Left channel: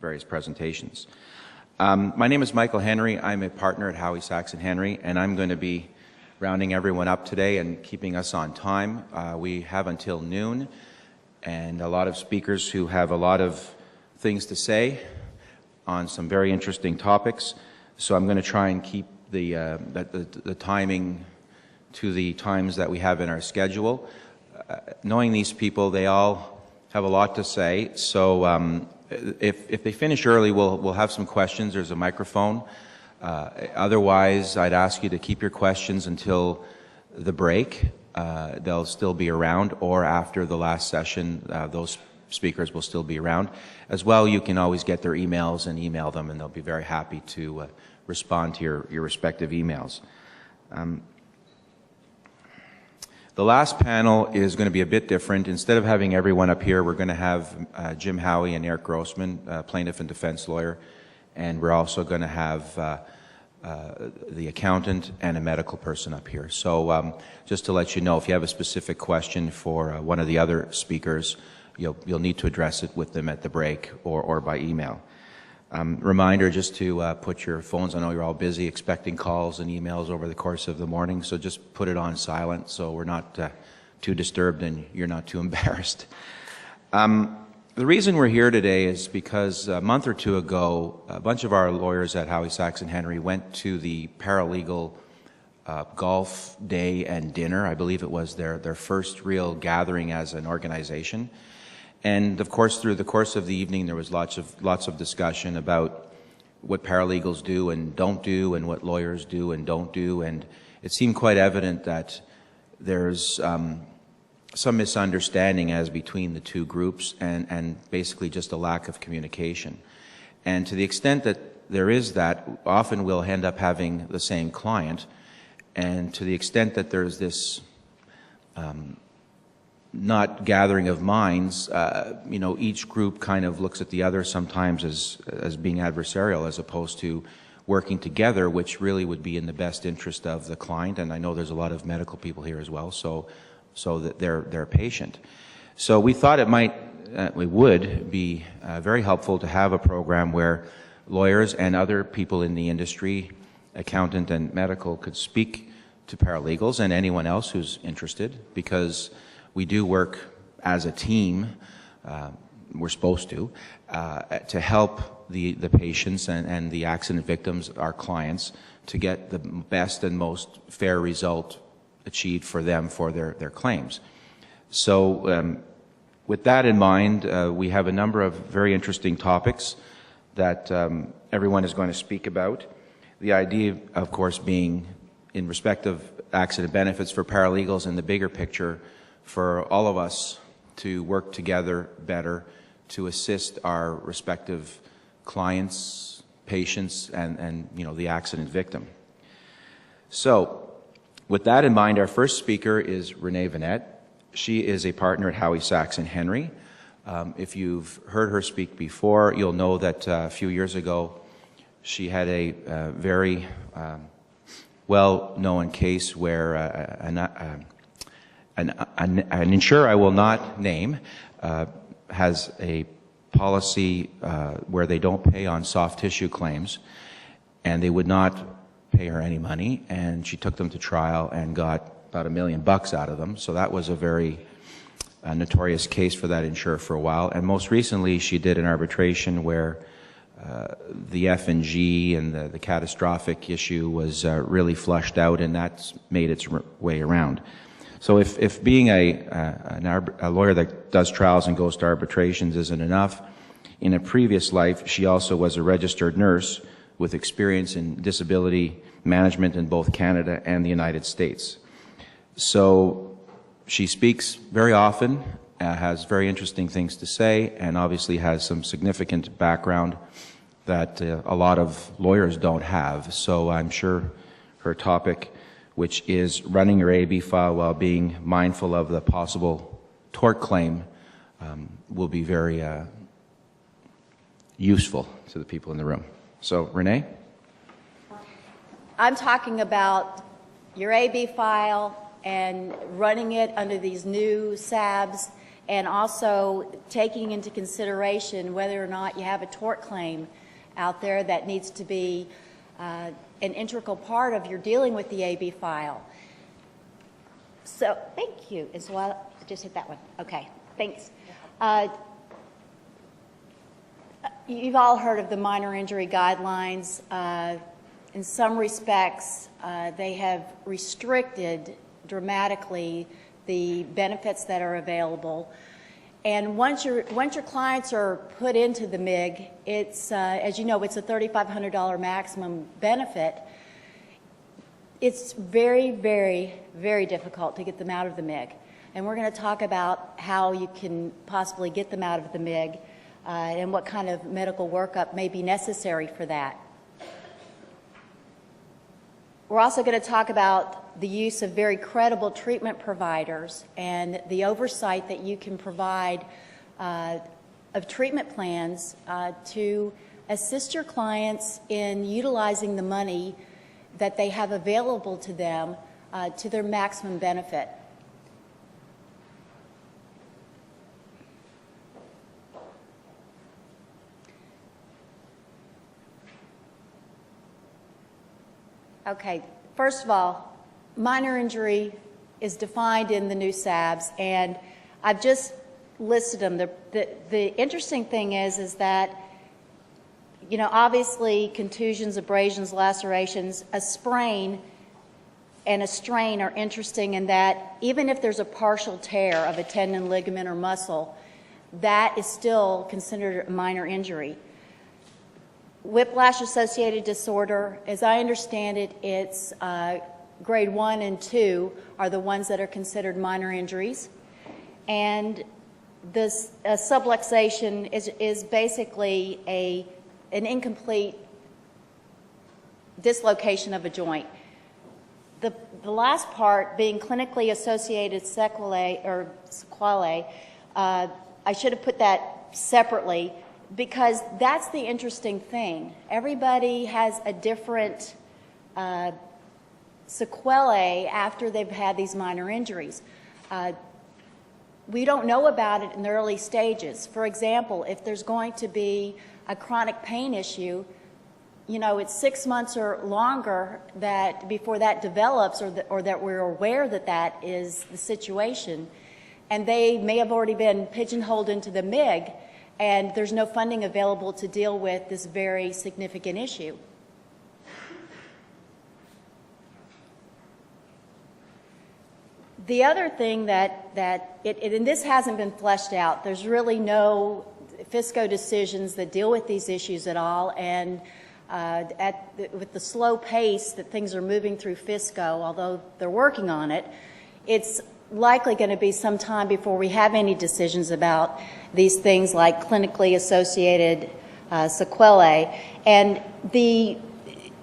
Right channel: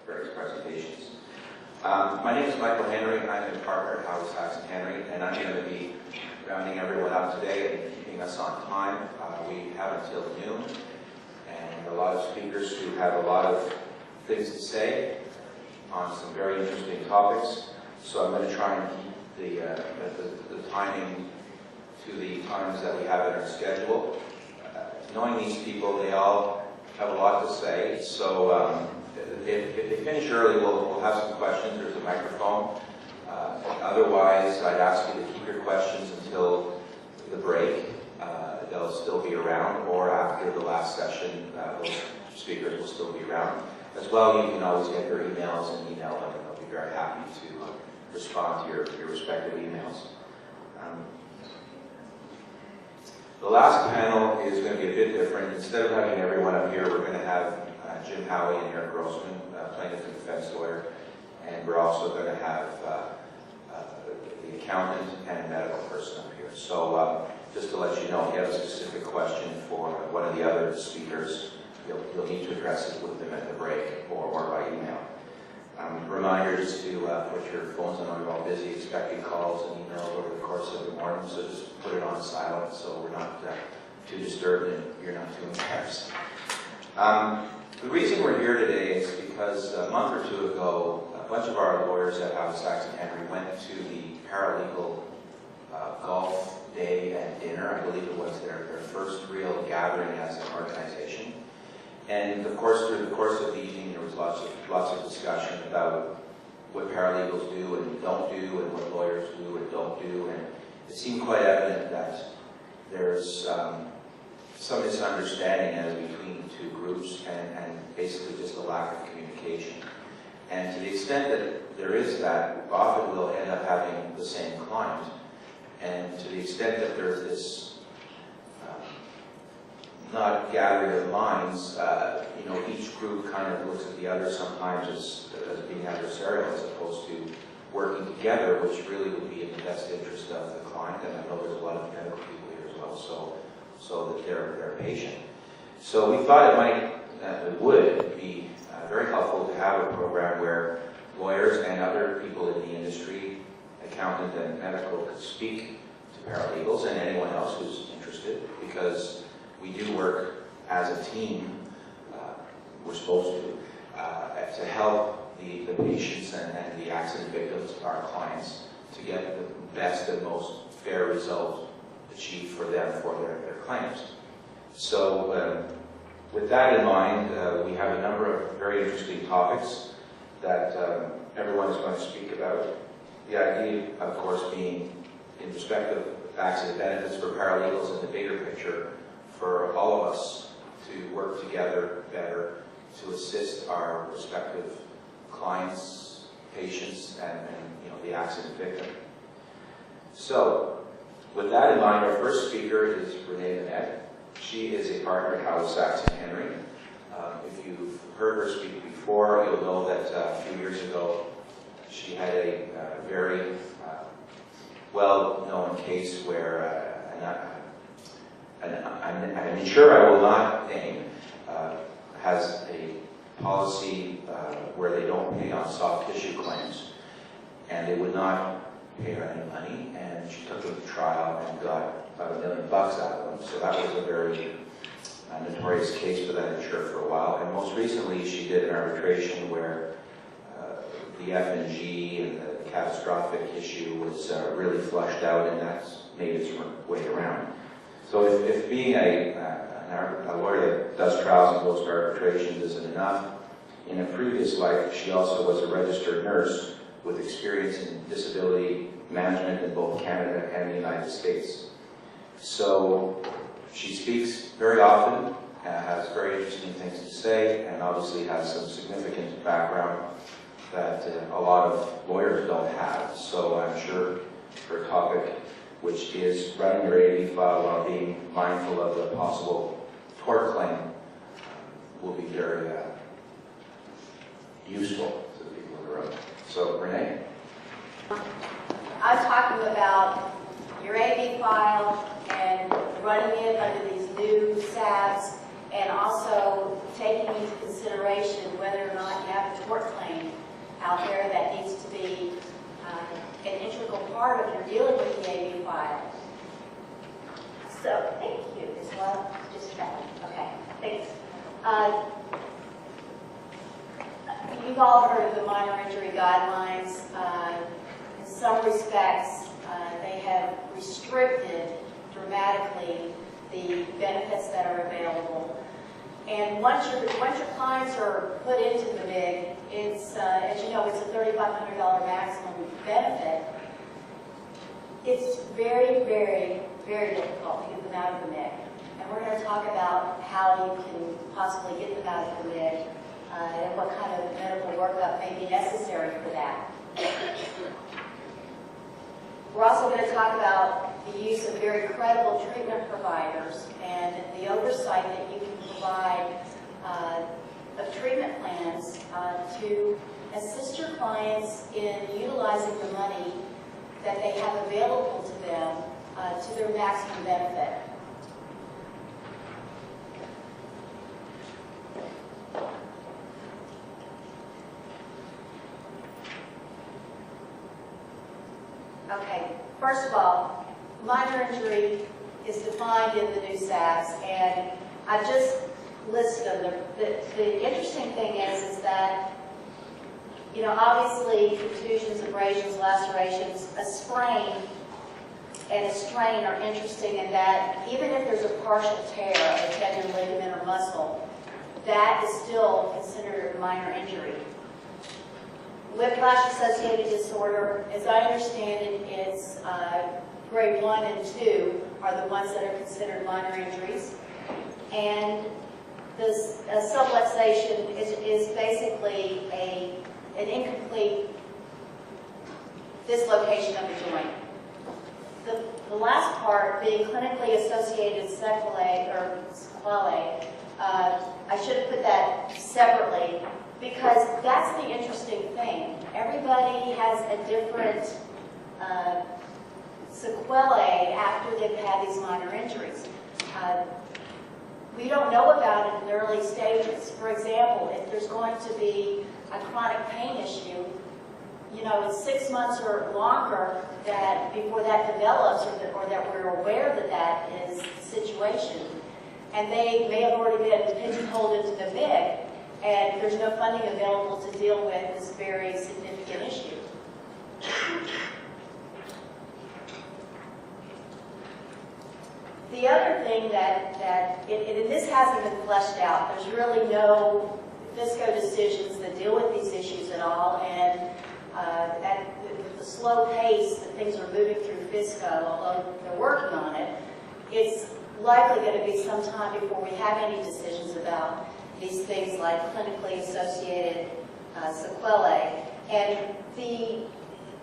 various presentations. My name is Michael Henry. I'm a partner at Howie, Sachs & Henry, and I'm going to be rounding everyone up today and keeping us on time. We have until noon, and a lot of speakers who have a lot of things to say on some very interesting topics. So I'm going to try and keep the timing to the times that we have in our schedule. Knowing these people, they all have a lot to say. So if they finish early, we'll have some questions. There's a microphone. Otherwise, I'd ask you to keep your questions until the break. They'll still be around, or after the last session, those speakers will still be around. As well, you can always get their emails and email them, and they'll be very happy to respond to your respective emails. The last panel is going to be a bit different. Instead of having everyone up here, we're going to have Jim Howie and Eric Grossman, plaintiff and defense lawyer, and we're also going to have the accountant and a medical person up here. So just to let you know, if you have a specific question for one of the other speakers, you'll need to address it with them at the break or by email. Reminder just to put your phones, I know you're all busy expecting calls and emails over the course of the morning, so just put it on silent so we're not too disturbed and you're not too embarrassed. The reason we're here today is because a month or two ago, a bunch of our lawyers at Howie, Sachs & Henry went to the Paralegal golf day and dinner. I believe it was their first real gathering as an organization. And of course, through the course of the evening, there was lots of discussion about what paralegals do and don't do, and what lawyers do and don't do. And it seemed quite evident that there's some misunderstanding as between the two groups, and basically just a lack of communication. And to the extent that there is that, often we'll end up having the same client. And to the extent that there's this not gathering of minds, each group kind of looks at the other sometimes as being adversarial, as opposed to working together, which really would be in the best interest of the client. And I know there's a lot of medical people here as well, so that they're patient. So we thought it would be very helpful to have a program where lawyers and other people in the industry, accountant and medical, could speak to paralegals and anyone else who's interested, because we do work as a team, we're supposed to help the patients and the accident victims, our clients, to get the best and most fair result achieved for them for their claims. So with that in mind, we have a number of very interesting topics that everyone is going to speak about. The idea, of course, being in respect of accident benefits for paralegals in the bigger picture, for all of us to work together better to assist our respective clients, patients, and the accident victim. So, with that in mind, our first speaker is Renée Vinett. She is a partner at Howie, Sachs & Henry. If you've heard her speak before, you'll know that a few years ago she had a very well-known case where an insurer I will not name has a policy where they don't pay on soft tissue claims, and they would not pay her any money, and she took them to trial and got about $1 million out of them. So that was a very notorious case for that insurer for a while. And most recently, she did an arbitration where the F&G and the catastrophic issue was really flushed out, and that's made its way around. So if being a lawyer that does trials and goes to arbitrations isn't enough, in a previous life, she also was a registered nurse with experience in disability management in both Canada and the United States. So she speaks very often, has very interesting things to say, and obviously has some significant background that a lot of lawyers don't have. So I'm sure her topic, which is running your AB file while being mindful of the possible tort claim, will be very useful to the people in the room. So, Renée? I'm talking about your AB file and running it under these new SABs and also taking into consideration whether or not you have a tort claim out there that needs to be an integral part of your dealing with the AB file. So, thank you. Is what? Just hit that one. Okay, thanks. You've all heard of the minor injury guidelines. In some respects, they have restricted dramatically the benefits that are available. And once your clients are put into the MIG, it's as you know, it's a $3,500 maximum benefit. It's very, very, very difficult to get them out of the MIG. And we're going to talk about how you can possibly get them out of the MIG and what kind of medical workup may be necessary for that. We're also going to talk about the use of very credible treatment providers and the oversight that you can provide of treatment plans to assist your clients in utilizing the money that they have available to them to their maximum benefit. Okay, first of all, minor injury is defined in the new SABs, and I've just listed them. The interesting thing is that, you know, obviously contusions, abrasions, lacerations, a sprain and a strain are interesting in that even if there's a partial tear of a tendon, ligament, or muscle, that is still considered a minor injury. Whiplash-associated disorder, as I understand it, it's grade 1 and 2 are the ones that are considered minor injuries. And this subluxation is basically an incomplete dislocation of a joint. The last part being clinically associated sequelae, I should have put that separately, because that's the interesting thing. Everybody has a different sequelae after they've had these minor injuries. We don't know about it in the early stages. For example, if there's going to be a chronic pain issue, you know, it's 6 months or longer that before that develops, or that we're aware that that is the situation. And they may have already been pigeonholed into the MIG, and there's no funding available to deal with this very significant issue. The other thing and this hasn't been fleshed out, there's really no FISCO decisions that deal with these issues at all, and with the slow pace that things are moving through FISCO, although they're working on it, it's likely going to be some time before we have any decisions about these things like clinically associated sequelae. And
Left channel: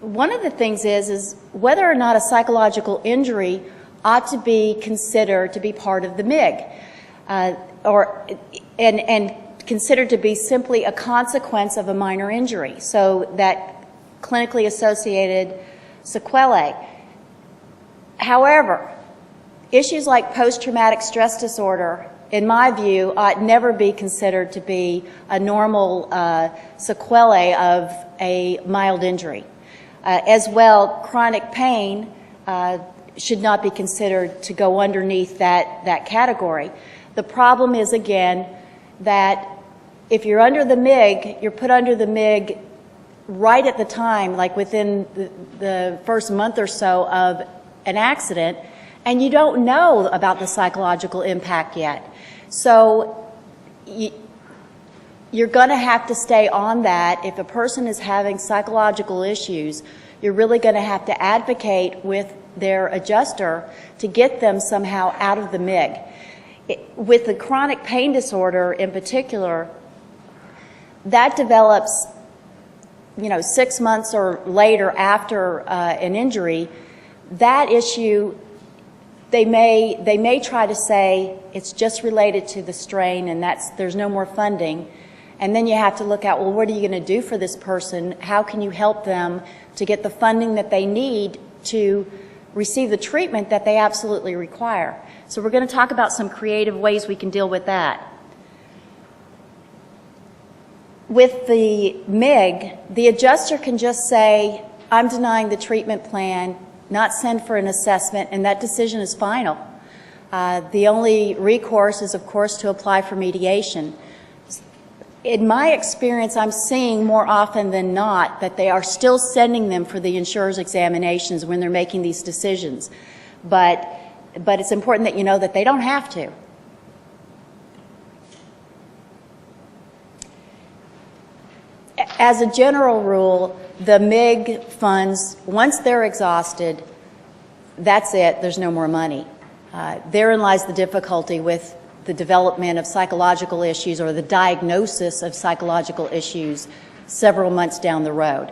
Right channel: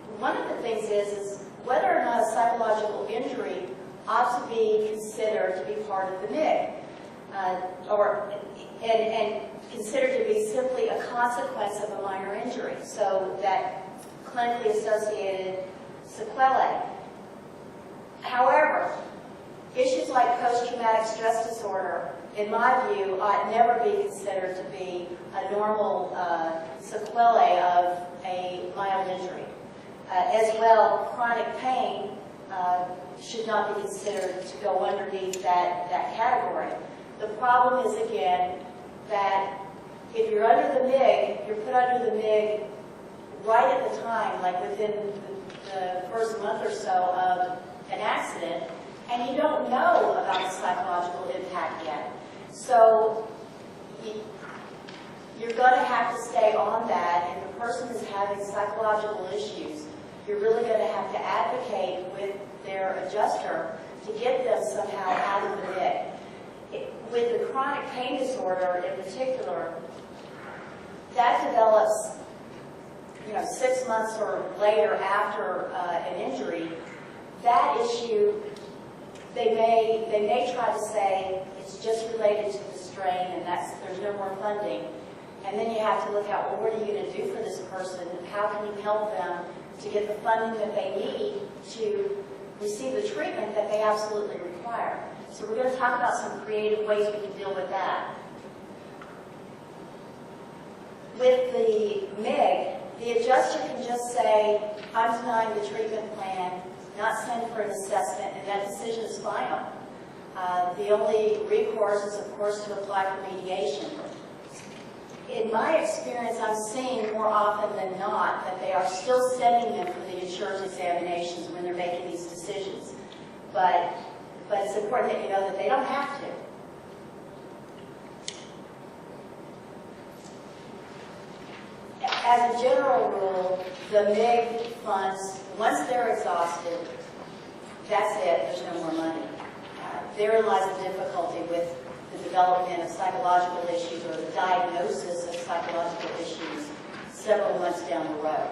one of the things is whether or not a psychological injury ought to be considered to be part of the MIG, and considered to be simply a consequence of a minor injury. So that clinically associated sequelae. However, issues like post-traumatic stress disorder, in my view, ought never be considered to be a normal sequelae of a mild injury. As well, chronic pain should not be considered to go underneath that category. The problem is, again, that if you're under the MIG, you're put under the MIG right at the time, like within the first month or so of an accident, and you don't know about the psychological impact yet. So you're going to have to stay on that. If a person is having psychological issues, you're really going to have to advocate with their adjuster to get them somehow out of the MIG. With the chronic pain disorder in particular, that develops, 6 months or later after an injury. That issue, they may try to say it's just related to the strain and there's no more funding. And then you have to look at, well, what are you going to do for this person? How can you help them to get the funding that they need to receive the treatment that they absolutely require? So we're going to talk about some creative ways we can deal with that. With the MIG, the adjuster can just say, I'm denying the treatment plan, not send for an assessment, and that decision is final. The only recourse is, of course, to apply for mediation. In my experience, I'm seeing more often than not that they are still sending them for the insurer's examinations when they're making these decisions. But it's important that you know that they don't have to. As a general rule, the MIG funds, once they're exhausted, that's it, there's no more money. Therein lies the difficulty with the development of psychological issues or the diagnosis of psychological issues several months down the road.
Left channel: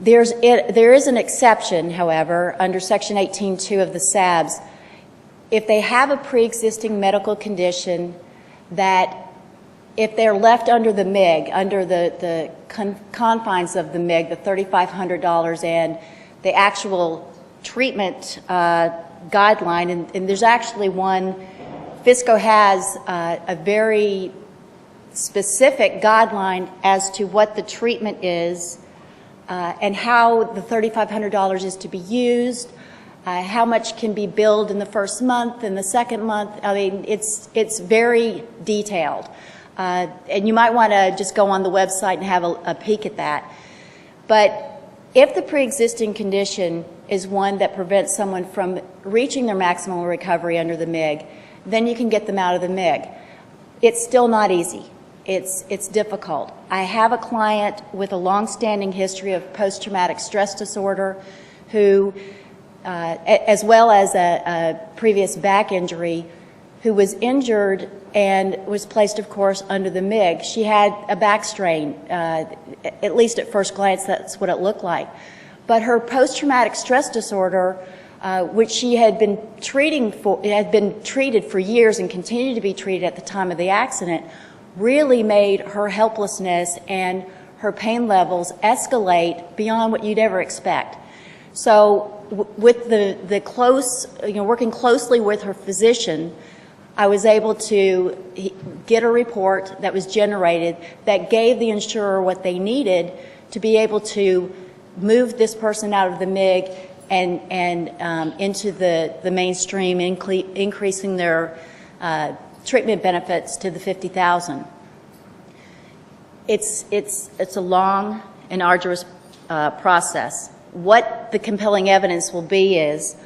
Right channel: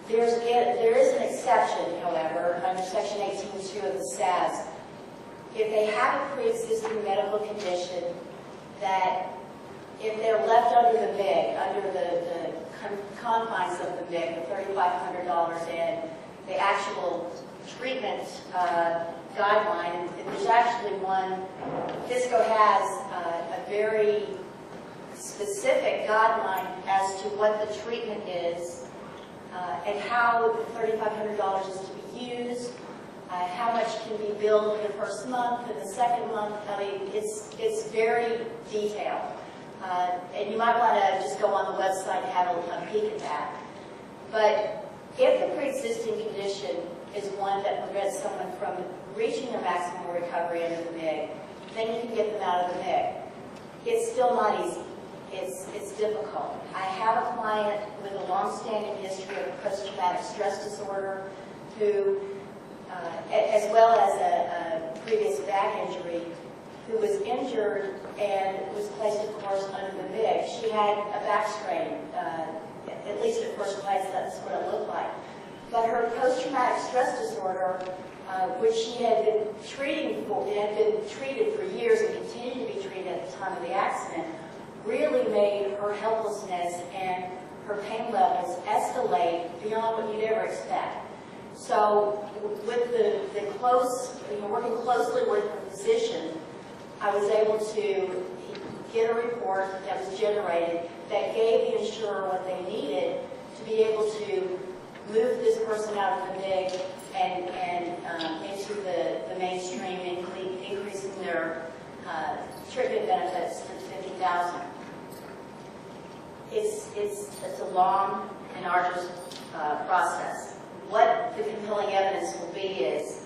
There is an exception, however, under Section 18.2 of the SABS. If they have a pre-existing medical condition that if they're left under the MIG, under the confines of the MIG, the $3,500 and the actual treatment guideline, and there's actually one, FISCO has a very specific guideline as to what the treatment is and how the $3,500 is to be used, how much can be billed in the first month and the second month. I mean, it's very detailed. And you might want to just go on the website and have a peek at that. But if the pre-existing condition is one that prevents someone from reaching their maximum recovery under the MIG, then you can get them out of the MIG. It's still not easy. It's difficult. I have a client with a long-standing history of post-traumatic stress disorder who, as well as a previous back injury, who was injured and was placed, of course, under the MIG. She had a back strain. At least at first glance, that's what it looked like. But her post-traumatic stress disorder, which she had been treated for years and continued to be treated at the time of the accident, really made her helplessness and her pain levels escalate beyond what you'd ever expect. So with the close, working closely with her physician, I was able to get a report that was generated that gave the insurer what they needed to be able to move this person out of the MIG and into the mainstream, increasing their treatment benefits to the $50,000. It's a long and arduous process. What the compelling evidence will be is,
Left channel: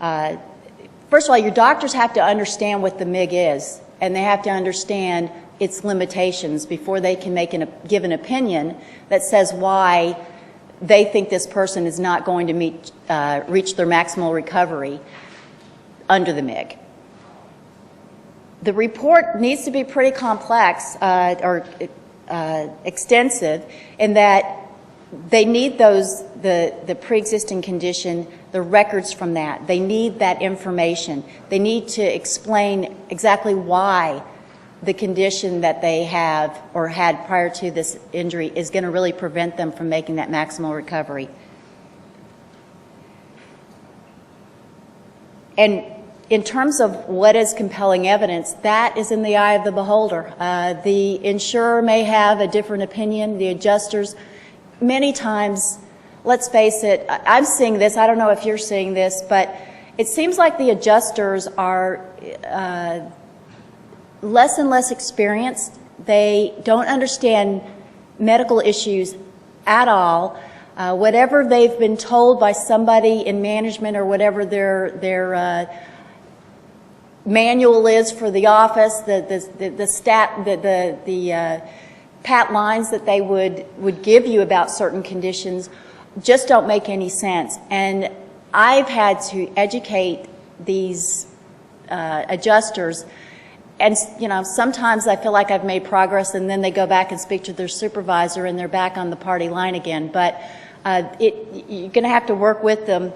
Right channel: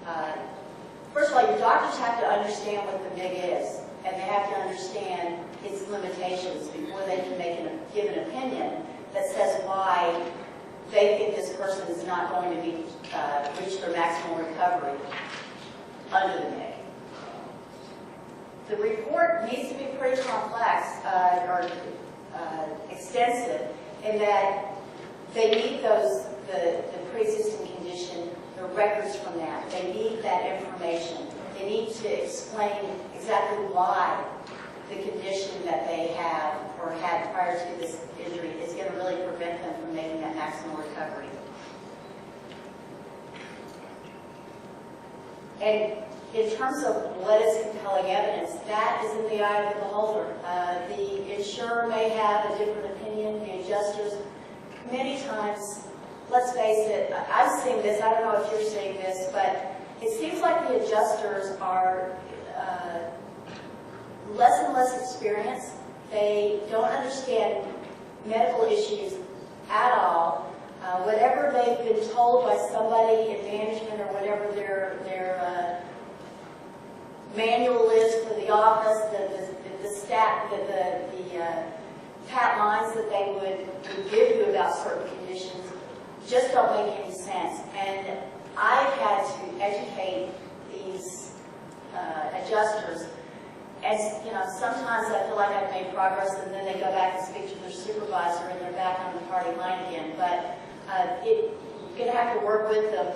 first of all, your doctors have to understand what the MIG is, and they have to understand its limitations before they can give an opinion that says why they think this person is not going to reach their maximal recovery under the MIG. The report needs to be pretty complex or extensive in that they need the pre-existing condition, the records from that. They need that information. They need to explain exactly why the condition that they have or had prior to this injury is going to really prevent them from making that maximal recovery. And in terms of what is compelling evidence, that is in the eye of the beholder. The insurer may have a different opinion. The adjusters, many times, let's face it, I'm seeing this, I don't know if you're seeing this, but it seems like the adjusters are less and less experienced. They don't understand medical issues at all. Whatever they've been told by somebody in management or whatever their manual is for the office, the pat lines that they would give you about certain conditions just don't make any sense. And I've had to educate these adjusters, and sometimes I feel like I've made progress, and then they go back and speak to their supervisor, and they're back on the party line again. But you're going to have to work with them,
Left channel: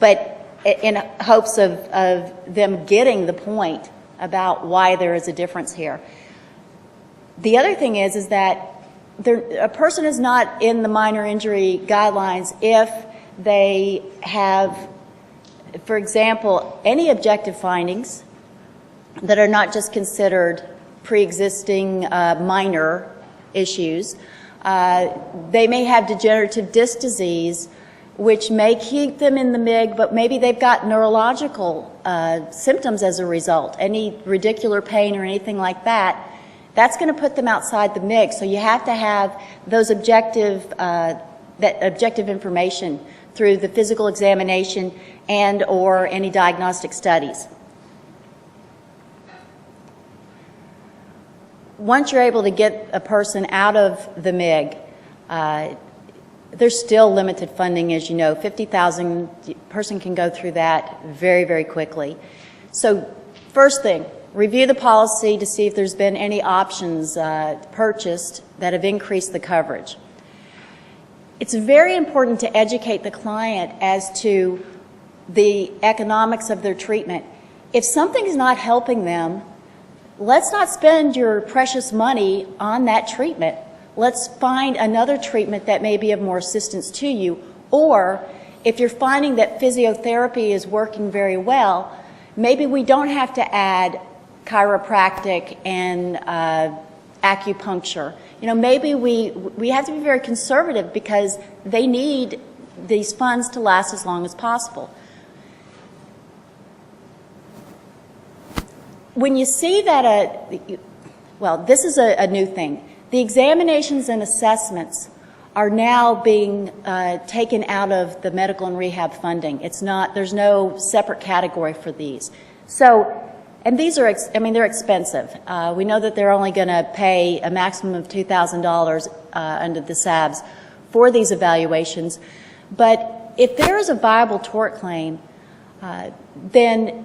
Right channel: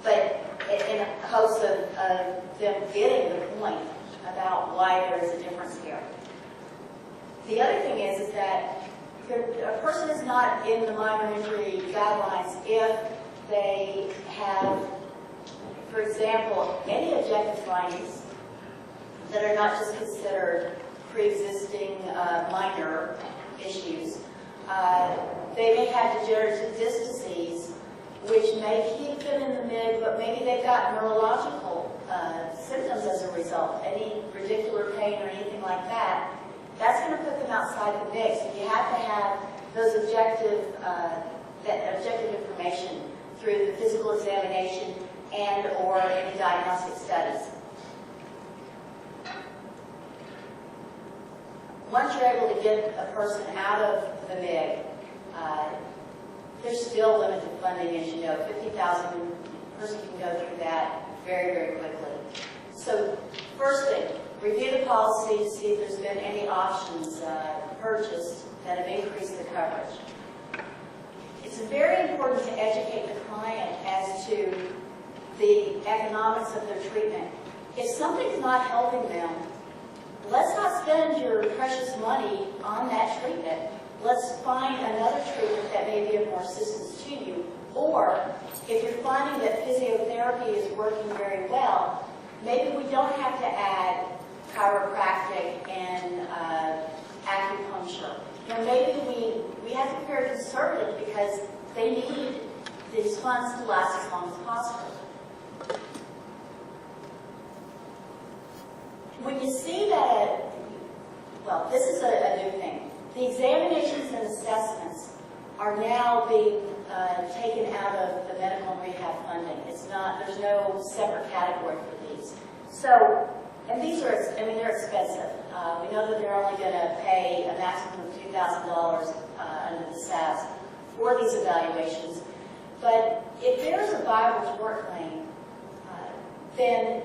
but in hopes of them getting the point about why there is a difference here. The other thing is that a person is not in the minor injury guidelines if they have For example, any objective findings that are not just considered pre-existing minor issues, they may have degenerative disc disease, which may keep them in the MIG, but maybe they've got neurological symptoms as a result, any radicular pain or anything like that. That's going to put them outside the MIG. So you have to have those objective information through the physical examination and or any diagnostic studies. Once you're able to get a person out of the MIG, there's still limited funding, as you know. $50,000, person can go through that very, very quickly. So first thing, review the policy to see if there's been any options purchased that have increased the coverage. It's very important to educate the client as to the economics of their treatment. If something's not helping them, let's not spend your precious money on that treatment. Let's find another treatment that may be of more assistance to you. Or if you're finding that physiotherapy is working very well, maybe we don't have to add chiropractic and acupuncture. You know, maybe we have to be very conservative because they need these funds to last as long as possible. When you see that well, this is a new thing. The examinations and assessments are now being taken out of the medical and rehab funding. It's not, there's no separate category for these. So, and these are, I mean, they're expensive. We know that they're only going to pay a maximum of $2,000 under the SABs for these evaluations. But if there is a viable tort claim, then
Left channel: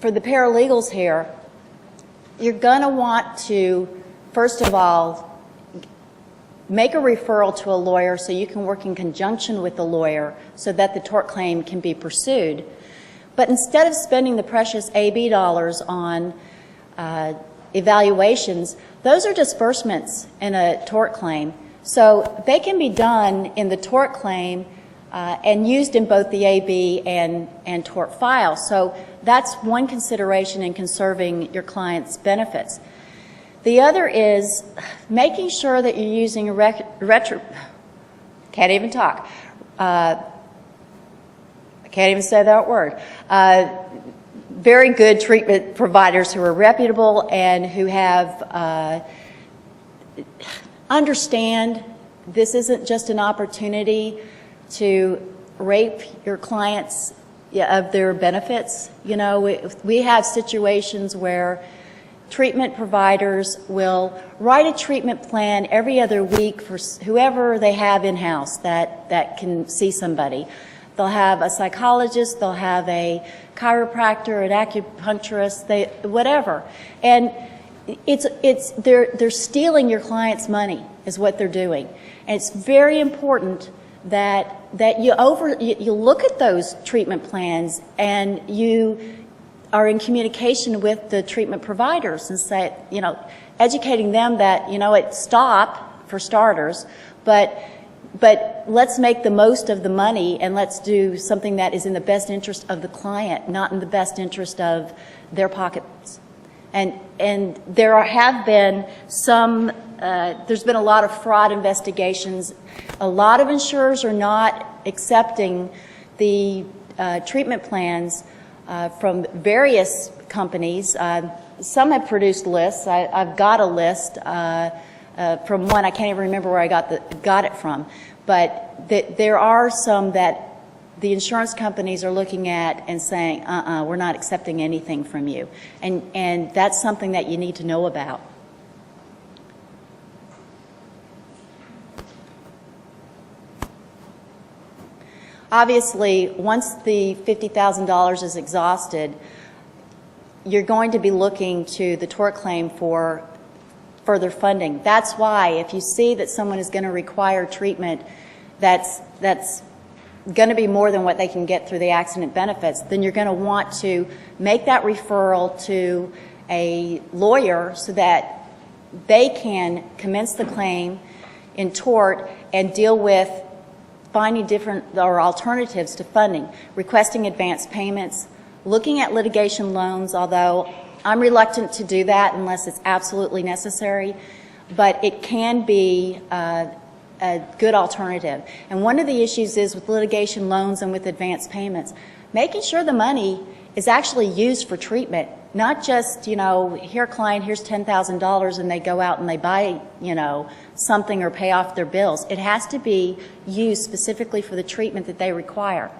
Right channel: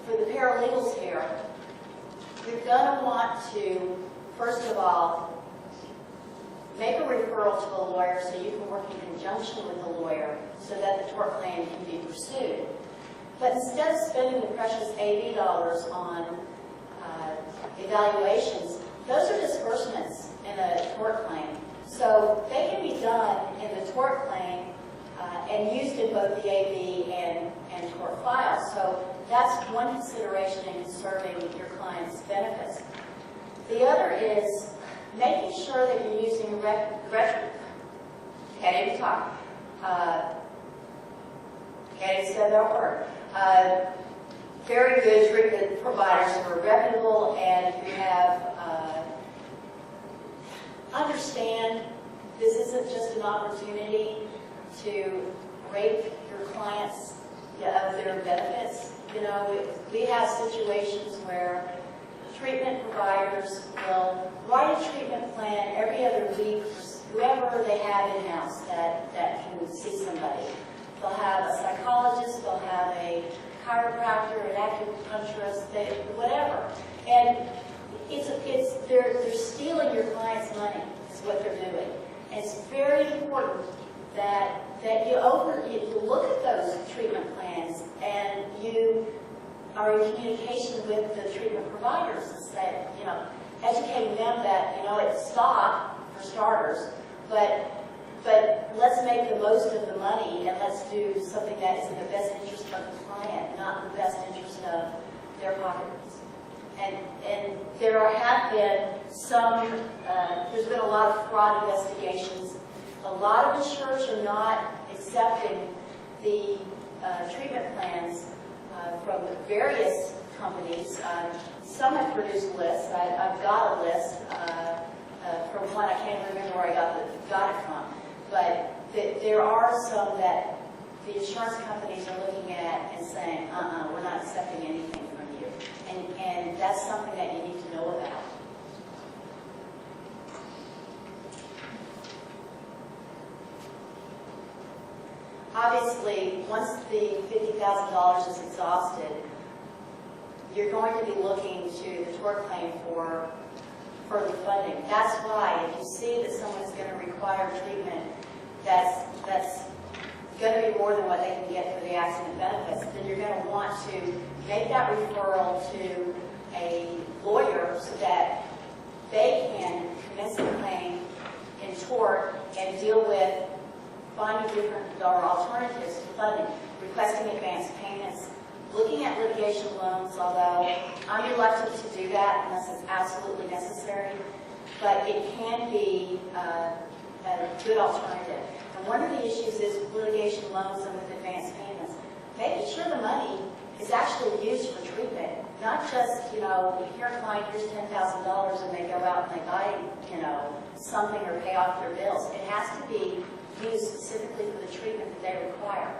for the paralegals here, you're going to want to, first of all, make a referral to a lawyer so you can work in conjunction with the lawyer so that the tort claim can be pursued. But instead of spending the precious AB dollars on evaluations, those are disbursements in a tort claim. So they can be done in the tort claim and used in both the AB and tort file. So that's one consideration in conserving your client's benefits. The other is making sure that you're using can't even talk. I can't even say that word. Very good treatment providers who are reputable and who have understand this isn't just an opportunity to rape your clients of their benefits. You know, we have situations where treatment providers will write a treatment plan every other week for whoever they have in-house that can see somebody. They'll have a psychologist, they'll have a chiropractor, an acupuncturist, whatever. And they're stealing your client's money is what they're doing. And it's very important that you look at those treatment plans and you are in communication with the treatment providers and say, you know, educating them that, you know, stop for starters, but let's make the most of the money and let's do something that is in the best interest of the client, not in the best interest of their pockets. And there have been some, there's been a lot of fraud investigations. A lot of insurers are not accepting the treatment plans from various companies. Some have produced lists. I've got a list from one. I can't even remember where I got it from. But there are some that the insurance companies are looking at and saying, we're not accepting anything from you. And that's something that you need to know about. Obviously, once the $50,000 is exhausted, you're going to be looking to the tort claim for further funding. That's why if you see that someone is going to require treatment that's going to be more than what they can get through the accident benefits, then you're going to want to make that referral to a lawyer so that they can commence the claim in tort and deal with finding different or alternatives to funding, requesting advance payments, looking at litigation loans, although I'm reluctant to do that unless it's absolutely necessary, but it can be a good alternative. And one of the issues is with litigation loans and with advance payments, making sure the money is actually used for treatment, not just, you know, here client, here's $10,000 and they go out and they buy, you know, something or pay off their bills. It has to be used specifically for the treatment that they require.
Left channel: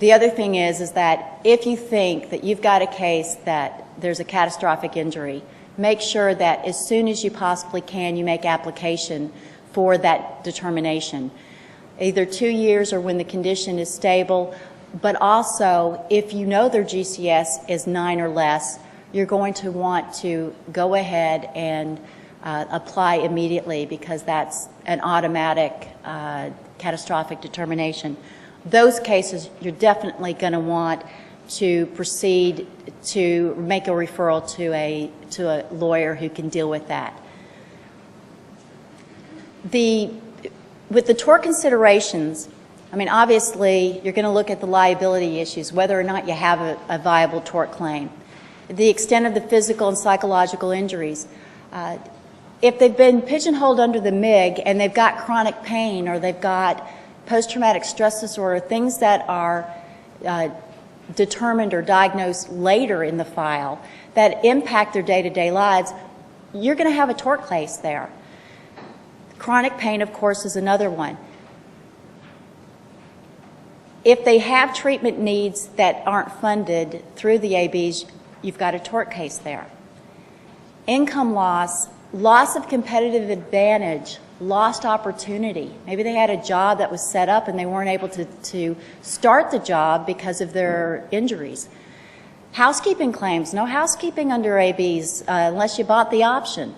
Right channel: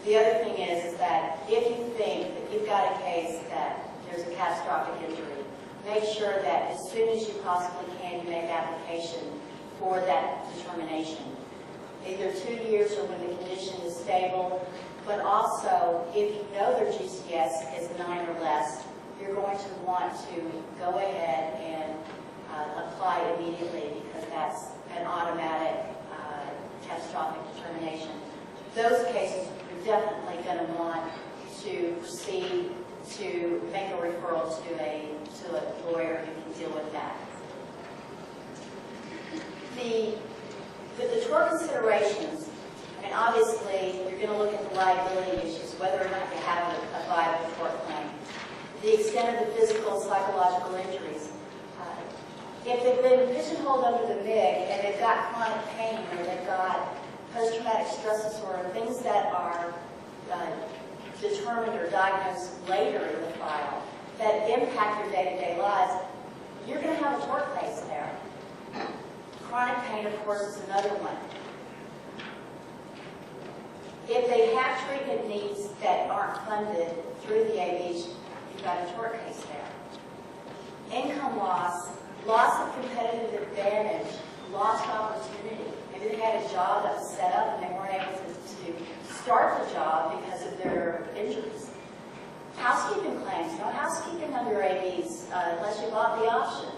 The other thing is that if you think that you've got a case that there's a catastrophic injury, make sure that as soon as you possibly can, you make application for that determination. Either 2 years or when the condition is stable, but also if you know their GCS is 9 or less, you're going to want to go ahead and apply immediately because that's an automatic catastrophic determination. Those cases, you're definitely going to want to proceed to make a referral to a lawyer who can deal with that. With the tort considerations, I mean, obviously, you're going to look at the liability issues, whether or not you have a viable tort claim, the extent of the physical and psychological injuries. If they've been pigeonholed under the MIG and they've got chronic pain or they've got post-traumatic stress disorder, things that are determined or diagnosed later in the file that impact their day-to-day lives, you're going to have a tort case there. Chronic pain, of course, is another one. If they have treatment needs that aren't funded through the ABs, you've got a tort case there. Income loss, loss of competitive advantage, lost opportunity. Maybe they had a job that was set up and they weren't able to start the job because of their injuries. Housekeeping claims, no housekeeping under ABs unless you bought the option.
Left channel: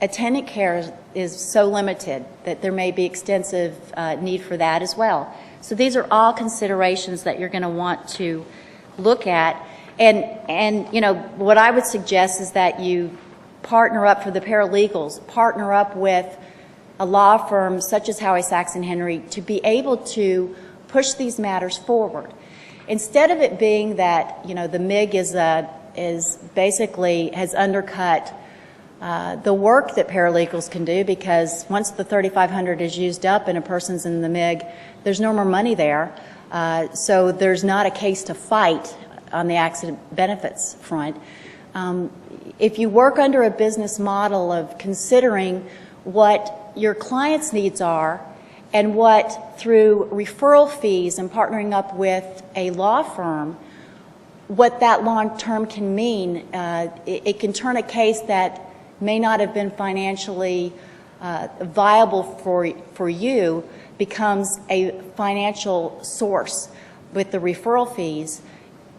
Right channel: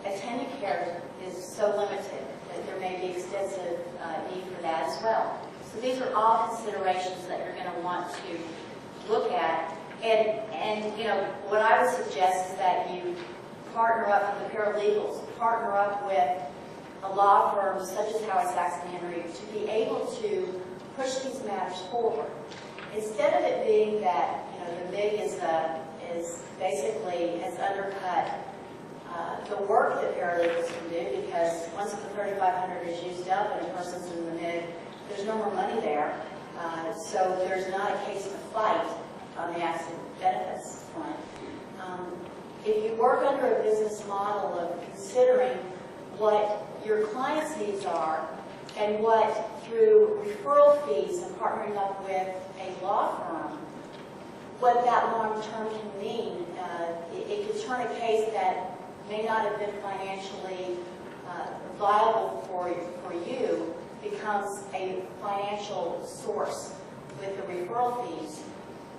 Attendant care is so limited that there may be extensive need for that as well. So these are all considerations that you're going to want to look at. And you know, what I would suggest is that you partner up for the paralegals, partner up with a law firm such as Howie, Saxon, Henry to be able to push these matters forward. Instead of it being that, you know, the MIG is basically has undercut the work that paralegals can do, because once the $3,500 is used up and a person's in the MIG, there's no more money there. So there's not a case to fight on the accident benefits front. If you work under a business model of considering what your client's needs are and what, through referral fees and partnering up with a law firm, what that long-term can mean, it can turn a case that may not have been financially viable for you becomes a financial source with the referral fees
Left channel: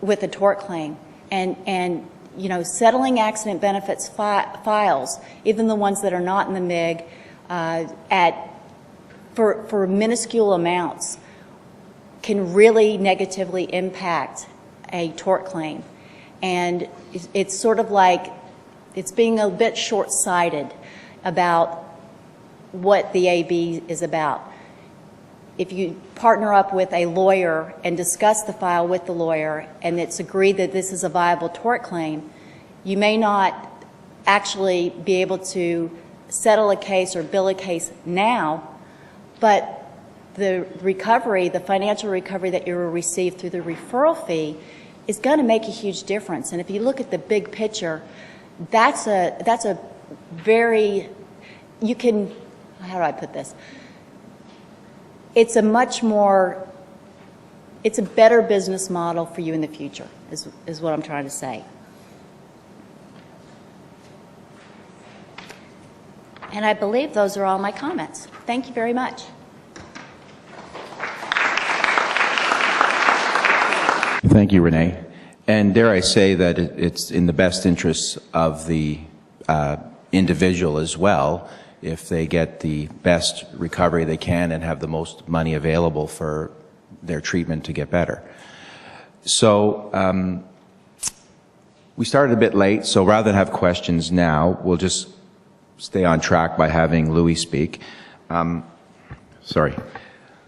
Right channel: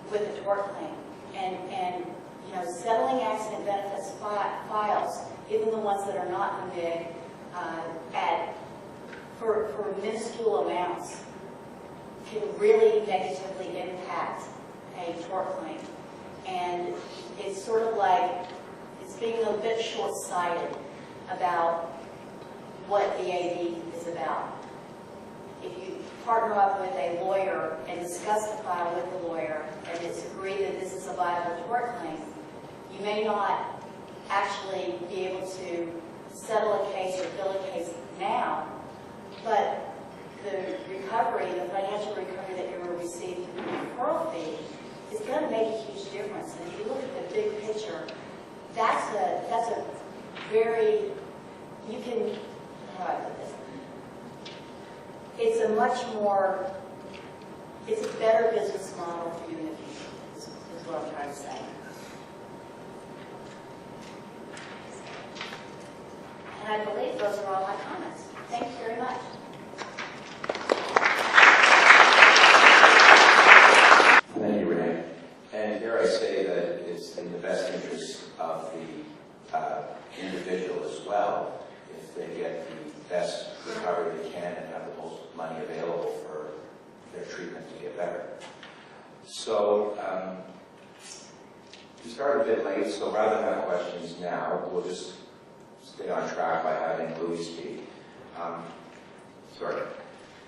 with a tort claim. And you know, settling accident benefits files, even the ones that are not in the MIG, for minuscule amounts can really negatively impact a tort claim. And it's sort of like it's being a bit short-sighted about what the AB is about. If you partner up with a lawyer and discuss the file with the lawyer and it's agreed that this is a viable tort claim, you may not actually be able to settle a case or bill a case now, but the recovery, the financial recovery that you will receive through the referral fee is going to make a huge difference. And if you look at the big picture, that's a very, you can, how do I put this? It's a much more, it's a better business model for you in the future, is what I'm trying to say. And I believe those are all my comments. Thank you very much. Thank you, Renee. And dare I say that it's in the best interests of the individual as well if they get the best recovery they can and have the most money available for their treatment to get better. So We started a bit late, so rather than have questions now, we'll just stay on track by having Louis speak. Sorry.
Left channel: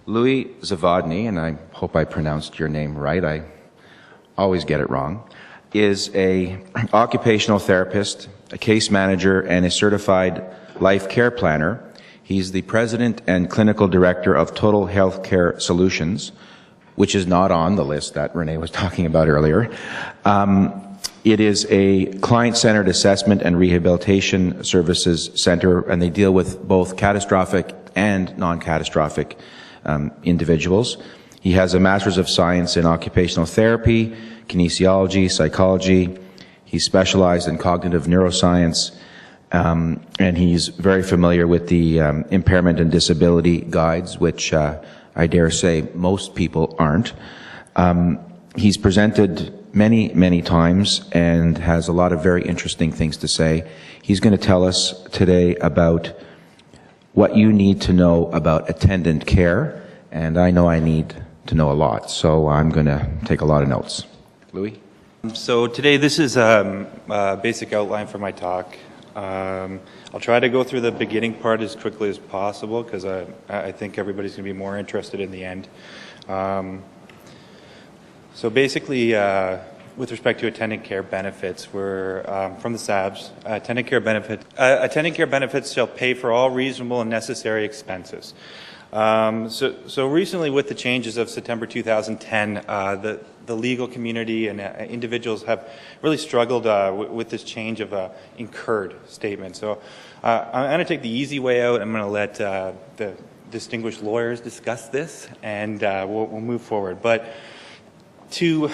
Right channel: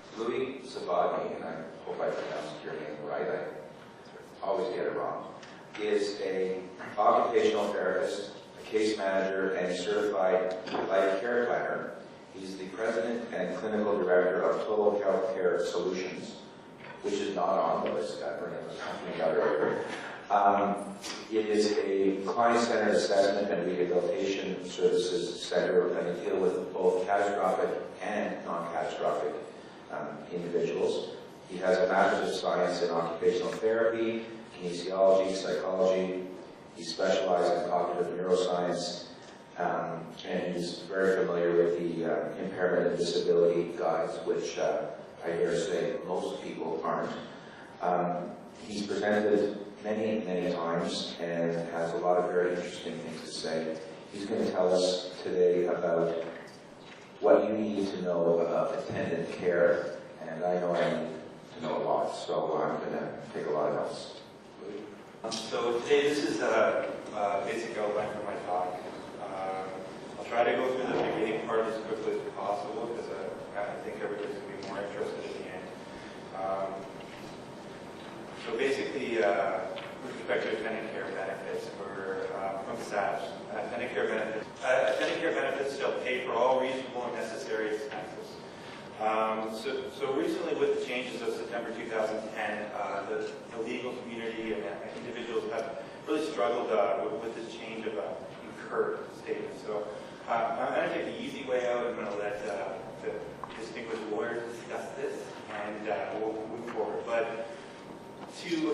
Louis Zavodny, and I hope I pronounced your name right, I always get it wrong, is an occupational therapist, a case manager, and a certified life care planner. He's the president and clinical director of Total Healthcare Solutions, which is not on the list that Renee was talking about earlier. It is a client-centered assessment and rehabilitation services center, and they deal with both catastrophic and non-catastrophic individuals. He has a Master's of Science in Occupational Therapy, Kinesiology, Psychology. He's specialized in cognitive neuroscience, and he's very familiar with the impairment and disability guides, which I dare say most people aren't. He's presented many times and has a lot of very interesting things to say. He's going to tell us today about what you need to know about attendant care, and I know I need to know a lot, so I'm going to take a lot of notes. Louis? So today this is a basic outline for my talk. I'll try to go through the beginning part as quickly as possible because I think everybody's going to be more interested in the end. So basically, with respect to attendant care benefits, we're from the SABs. Attendant care benefits shall pay for all reasonable and necessary expenses. So recently, with the changes of September 2010, the legal community and individuals have really struggled with this change of incurred statement. So I'm going to take the easy way out. I'm going to let the distinguished lawyers discuss this, and we'll move forward. But to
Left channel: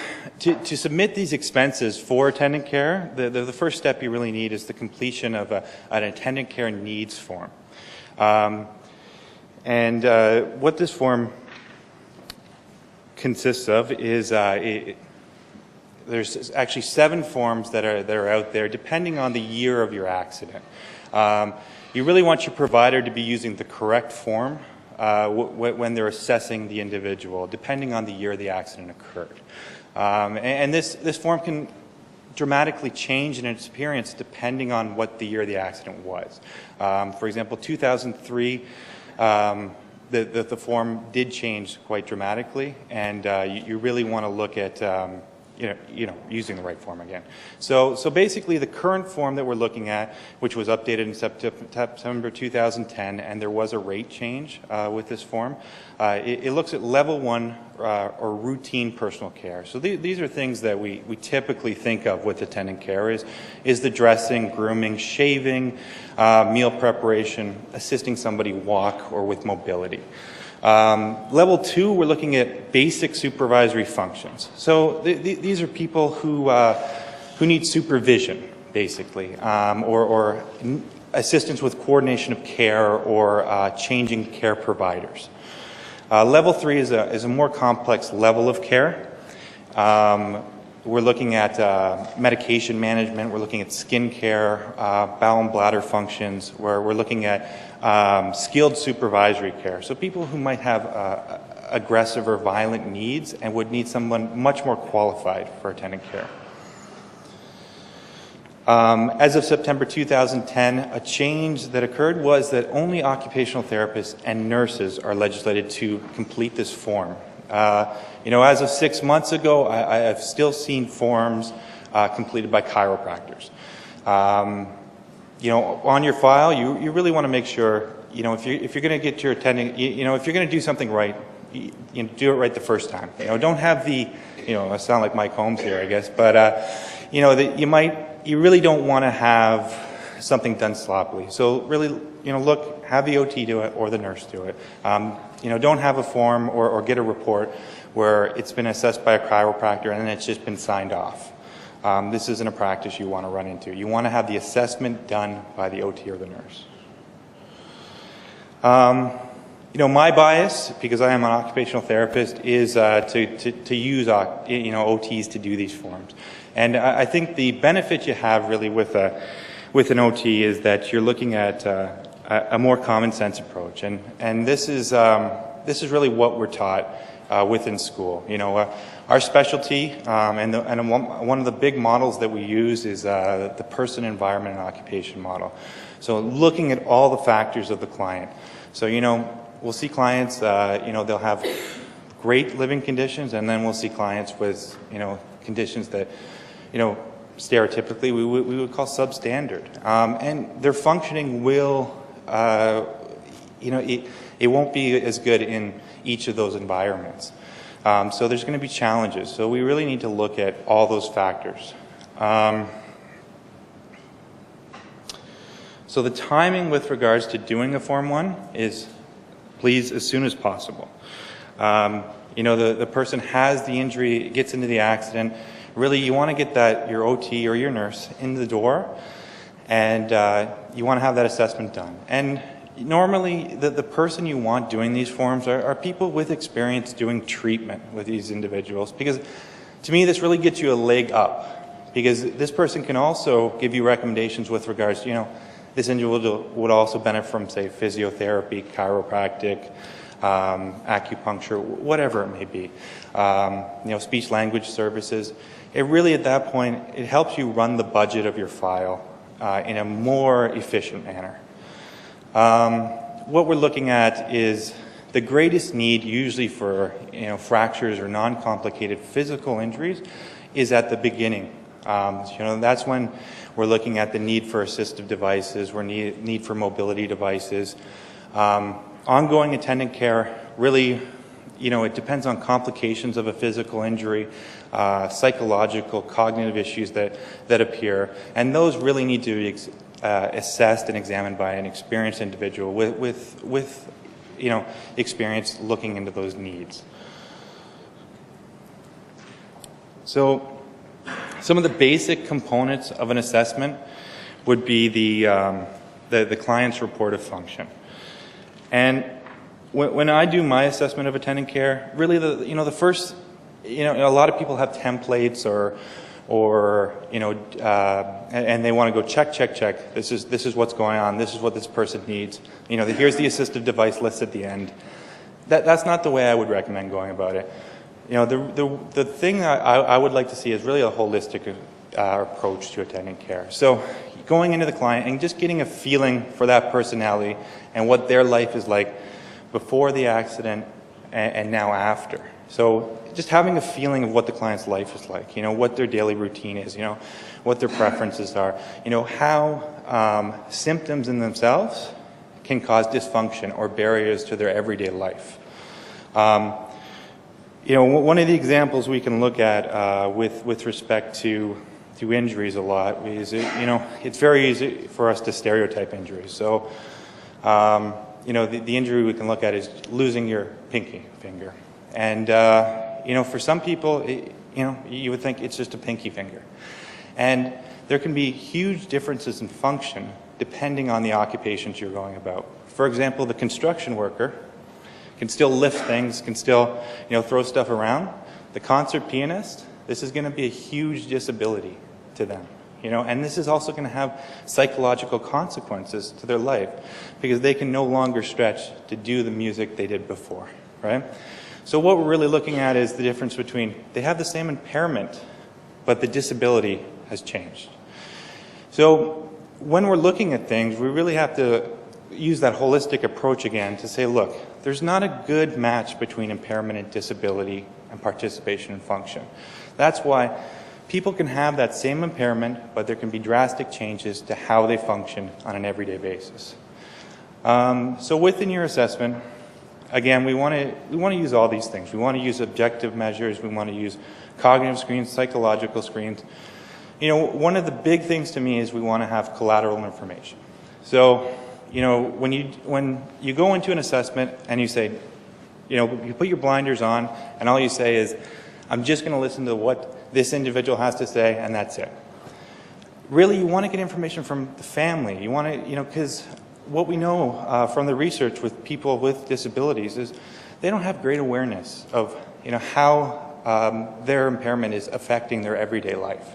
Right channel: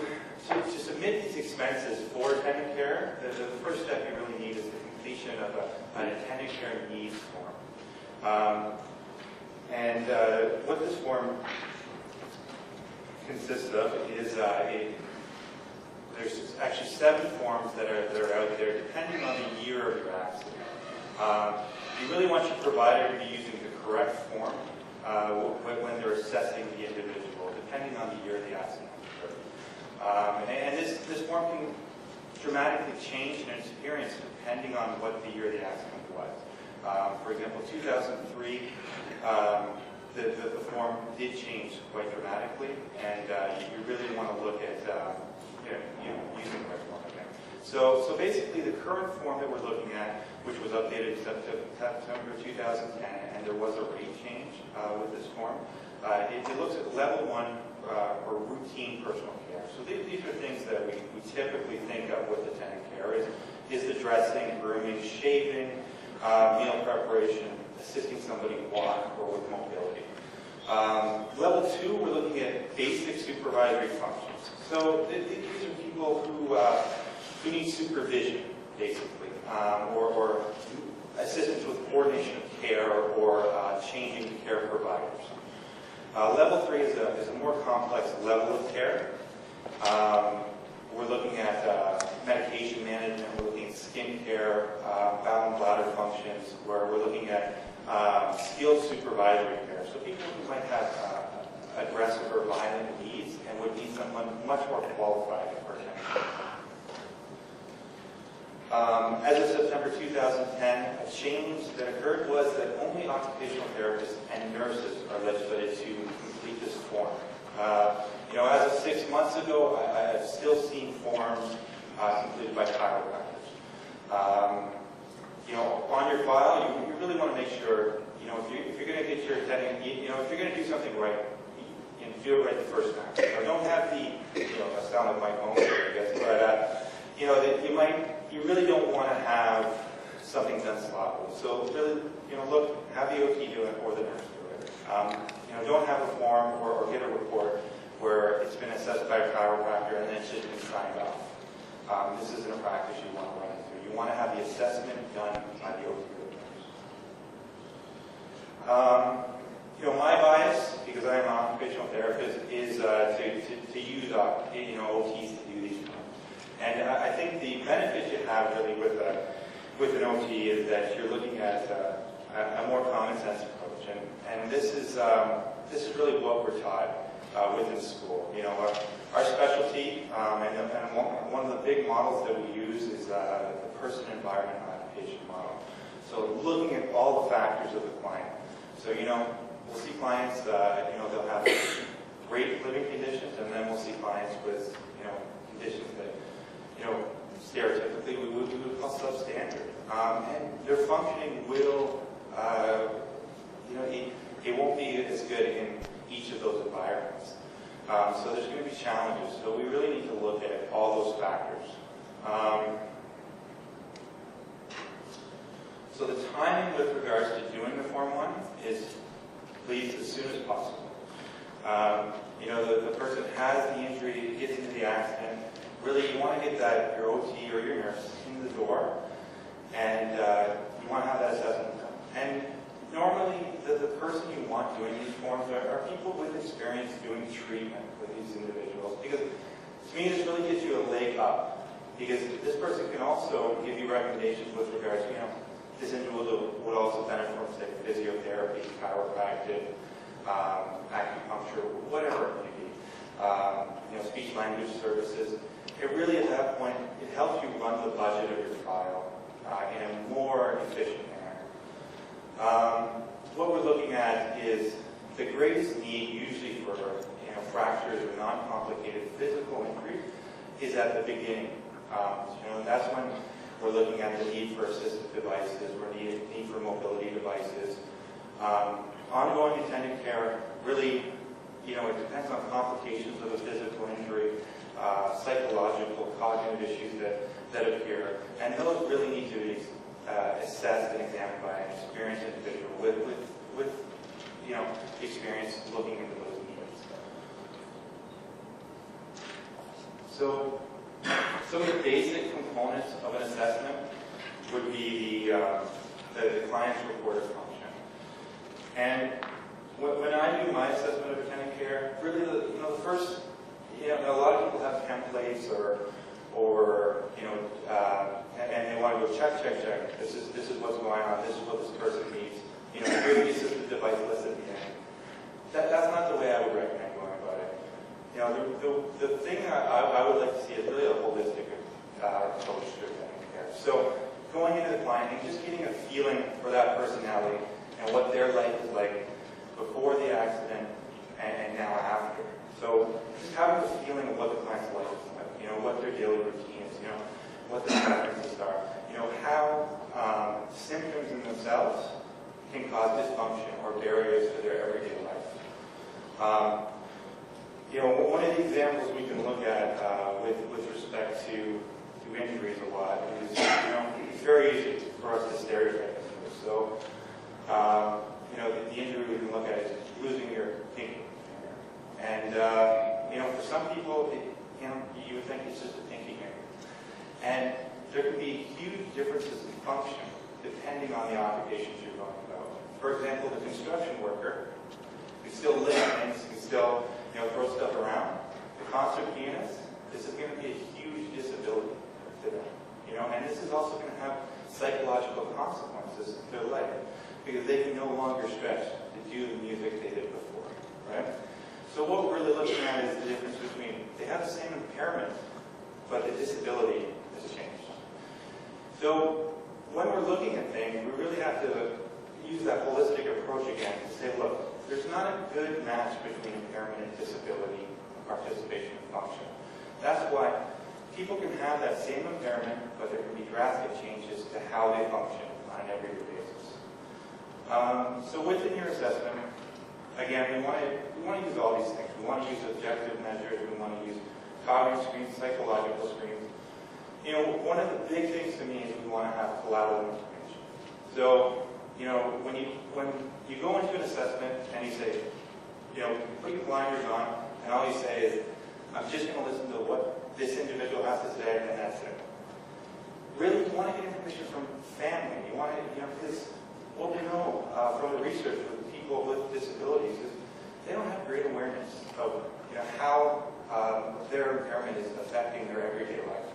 submit these expenses for attendant care, the first step you really need is the completion of an attendant care needs form. And what this form consists of is there's actually 7 forms that are out there depending on the year of your accident. You really want your provider to be using the correct form when they're assessing the individual, depending on the year the accident occurred. And this form can dramatically change in its appearance depending on what the year the accident was. For example, 2003, the form did change quite dramatically, and you really want to look at using the right form again. So basically, the current form that we're looking at, which was updated in September 2010, and there was a rate change with this form. It looks at level 1 or routine personal care. So these are things that we typically think of with attendant care is the dressing, grooming, shaving, meal preparation, assisting somebody walk or with mobility. Level 2, we're looking at basic supervisory functions. So these are people who need supervision, basically, or assistance with coordination of care or changing care providers. Level 3 is a more complex level of care. We're looking at medication management, we're looking at skin care, bowel and bladder functions, where we're looking at skilled supervisory care. So people who might have aggressive or violent needs and would need someone much more qualified for attendant care. As of September 2010, a change that occurred was that only occupational therapists and nurses are legislated to complete this form. As of 6 months ago, I have still seen forms completed by chiropractors. On your file, you really want to make sure, if you're going to get your attending, if you're going to do something right, do it right the first time. Don't have the, I sound like Mike Holmes here, I guess, but you really don't want to have something done sloppily. So really, look, have the OT do it or the nurse do it. Don't have a form or get a report where it's been assessed by a chiropractor and then it's just been signed off. This isn't a practice you want to run into. You want to have the assessment done by the OT or the nurse. My bias, because I am an occupational therapist, is to use OTs to do these forms. And I think the benefit you have really with an OT is that you're looking at a more common sense approach, and this is really what we're taught within school. Our specialty, and one of the big models that we use is the person, environment, and occupation model. So looking at all the factors of the client. So, we'll see clients, they'll have great living conditions, and then we'll see clients with, conditions that, stereotypically we would call substandard. And their functioning will, it won't be as good in each of those environments. So there's going to be challenges. So we really need to look at all those factors. So the timing with regards to doing a Form 1 is, please, as soon as possible. The person has the injury, gets into the accident. Really, you want to get your OT or your nurse in the door, and you want to have that assessment done. And normally, the person you want doing these forms are people with experience doing treatment with these individuals, because to me, this really gets you a leg up, because this person can also give you recommendations with regards to, this individual would also benefit from, say, physiotherapy, chiropractic, acupuncture, whatever it may be, speech language services. It really, at that point, it helps you run the budget of your file in a more efficient manner. What we're looking at is the greatest need usually for fractures or non-complicated physical injuries is at the beginning. That's when we're looking at the need for assistive devices, we're need for mobility devices. Ongoing attendant care, really, it depends on complications of a physical injury, psychological, cognitive issues that appear, and those really need to be assessed and examined by an experienced individual with experience looking into those needs. So some of the basic components of an assessment would be the client's report of function. And when I do my assessment of attendant care, really the first, a lot of people have templates and they want to go check. This is what's going on. This is what this person needs. Here's the assistive device list at the end. That's not the way I would recommend going about it. The thing that I would like to see is really a holistic approach to attendant care. So going into the client and just getting a feeling for that personality and what their life is like before the accident and now after. So just having a feeling of what the client's life is like, what their daily routine is, what their preferences are, how symptoms in themselves can cause dysfunction or barriers to their everyday life. One of the examples we can look at with respect to injuries a lot is, it's very easy for us to stereotype injuries. So, the injury we can look at is losing your pinky finger. And, for some people, you would think it's just a pinky finger. And there can be huge differences in function depending on the occupations you're going about. For example, the construction worker can still lift things, can still, throw stuff around. The concert pianist, this is going to be a huge disability to them, and this is also going to have psychological consequences to their life because they can no longer stretch to do the music they did before, right? So what we're really looking at is the difference between, they have the same impairment, but the disability has changed. So when we're looking at things, we really have to use that holistic approach again to say, look, there's not a good match between impairment and disability and participation and function. That's why people can have that same impairment, but there can be drastic changes to how they function on an everyday basis. So within your assessment, again, we want to use all these things. We want to use objective measures. We want to use cognitive screens, psychological screens. One of the big things to me is we want to have collateral information. So, when you go into an assessment and you say, you put your blinders on and all you say is, I'm just going to listen to what this individual has to say and that's it. Really, you want to get information from the family. You want to, because what we know from the research with people with disabilities is they don't have great awareness of, how their impairment is affecting their everyday life.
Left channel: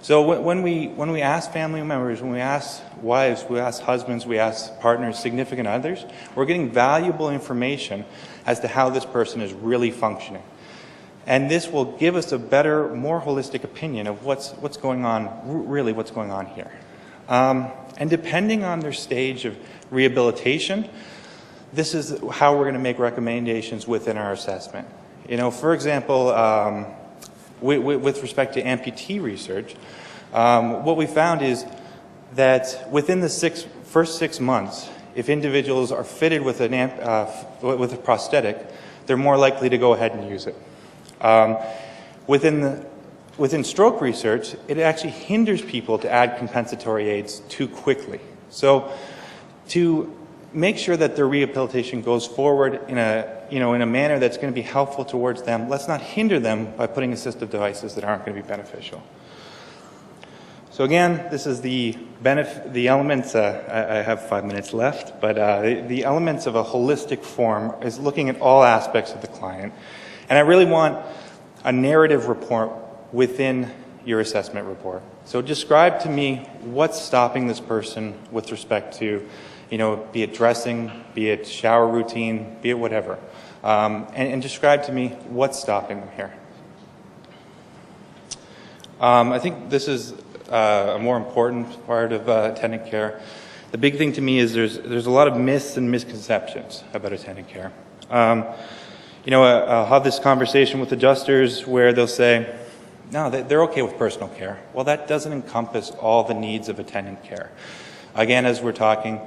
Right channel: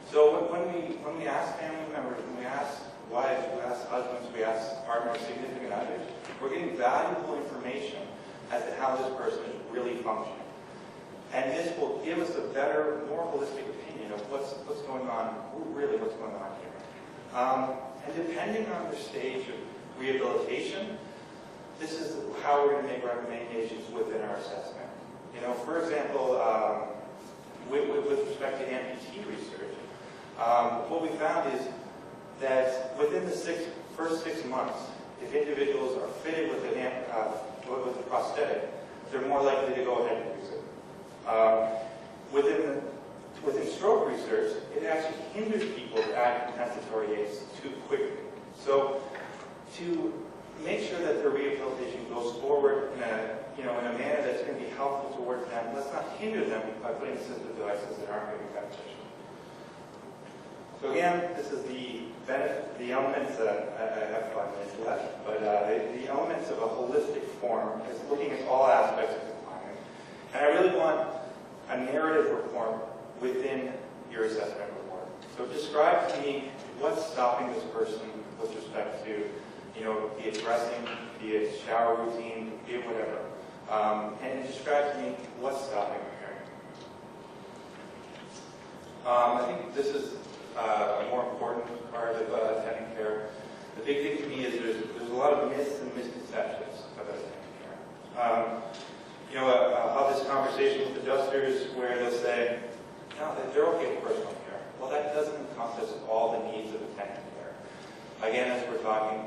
So when we ask family members, when we ask wives, we ask husbands, we ask partners, significant others, we're getting valuable information as to how this person is really functioning. And this will give us a better, more holistic opinion of what's going on, really what's going on here. And depending on their stage of rehabilitation, this is how we're going to make recommendations within our assessment. You know, for example, with respect to amputee research, what we found is that within the first 6 months, if individuals are fitted with a prosthetic, they're more likely to go ahead and use it. Within stroke research, it actually hinders people to add compensatory aids too quickly. So to make sure that their rehabilitation goes forward in a manner that's going to be helpful towards them, let's not hinder them by putting assistive devices that aren't going to be beneficial. So again, this is the elements, I have 5 minutes left, but the elements of a holistic form is looking at all aspects of the client. And I really want a narrative report within your assessment report. So describe to me what's stopping this person with respect to, you know, be it dressing, be it shower routine, be it whatever. And describe to me what's stopping them here. I think this is a more important part of attendant care. The big thing to me is there's a lot of myths and misconceptions about attendant care. You know, I'll have this conversation with adjusters where they'll say, no, they're okay with personal care. Well, that doesn't encompass all the needs of attendant care. Again, as we're talking,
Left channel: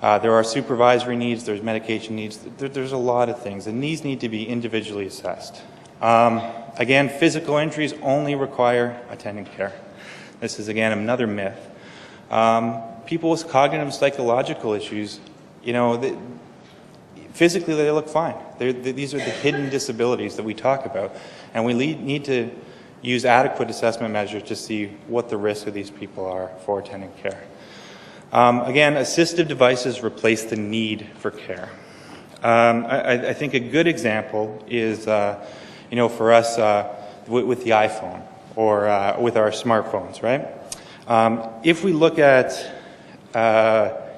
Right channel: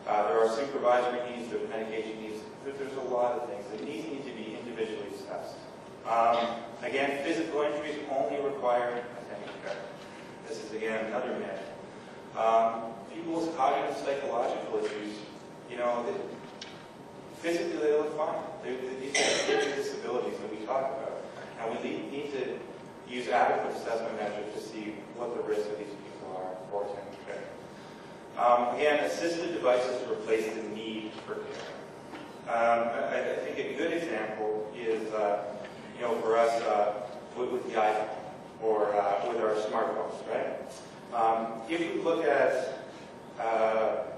there are supervisory needs, there's medication needs, there's a lot of things, and these need to be individually assessed. Again, physical injuries only require attendant care. This is, again, another myth. People with cognitive and psychological issues, you know, physically they look fine. These are the hidden disabilities that we talk about, and we need to use adequate assessment measures to see what the risk of these people are for attendant care. Again, assistive devices replace the need for care. I think a good example is, you know, for us with the iPhone or with our smartphones, right? If we look at,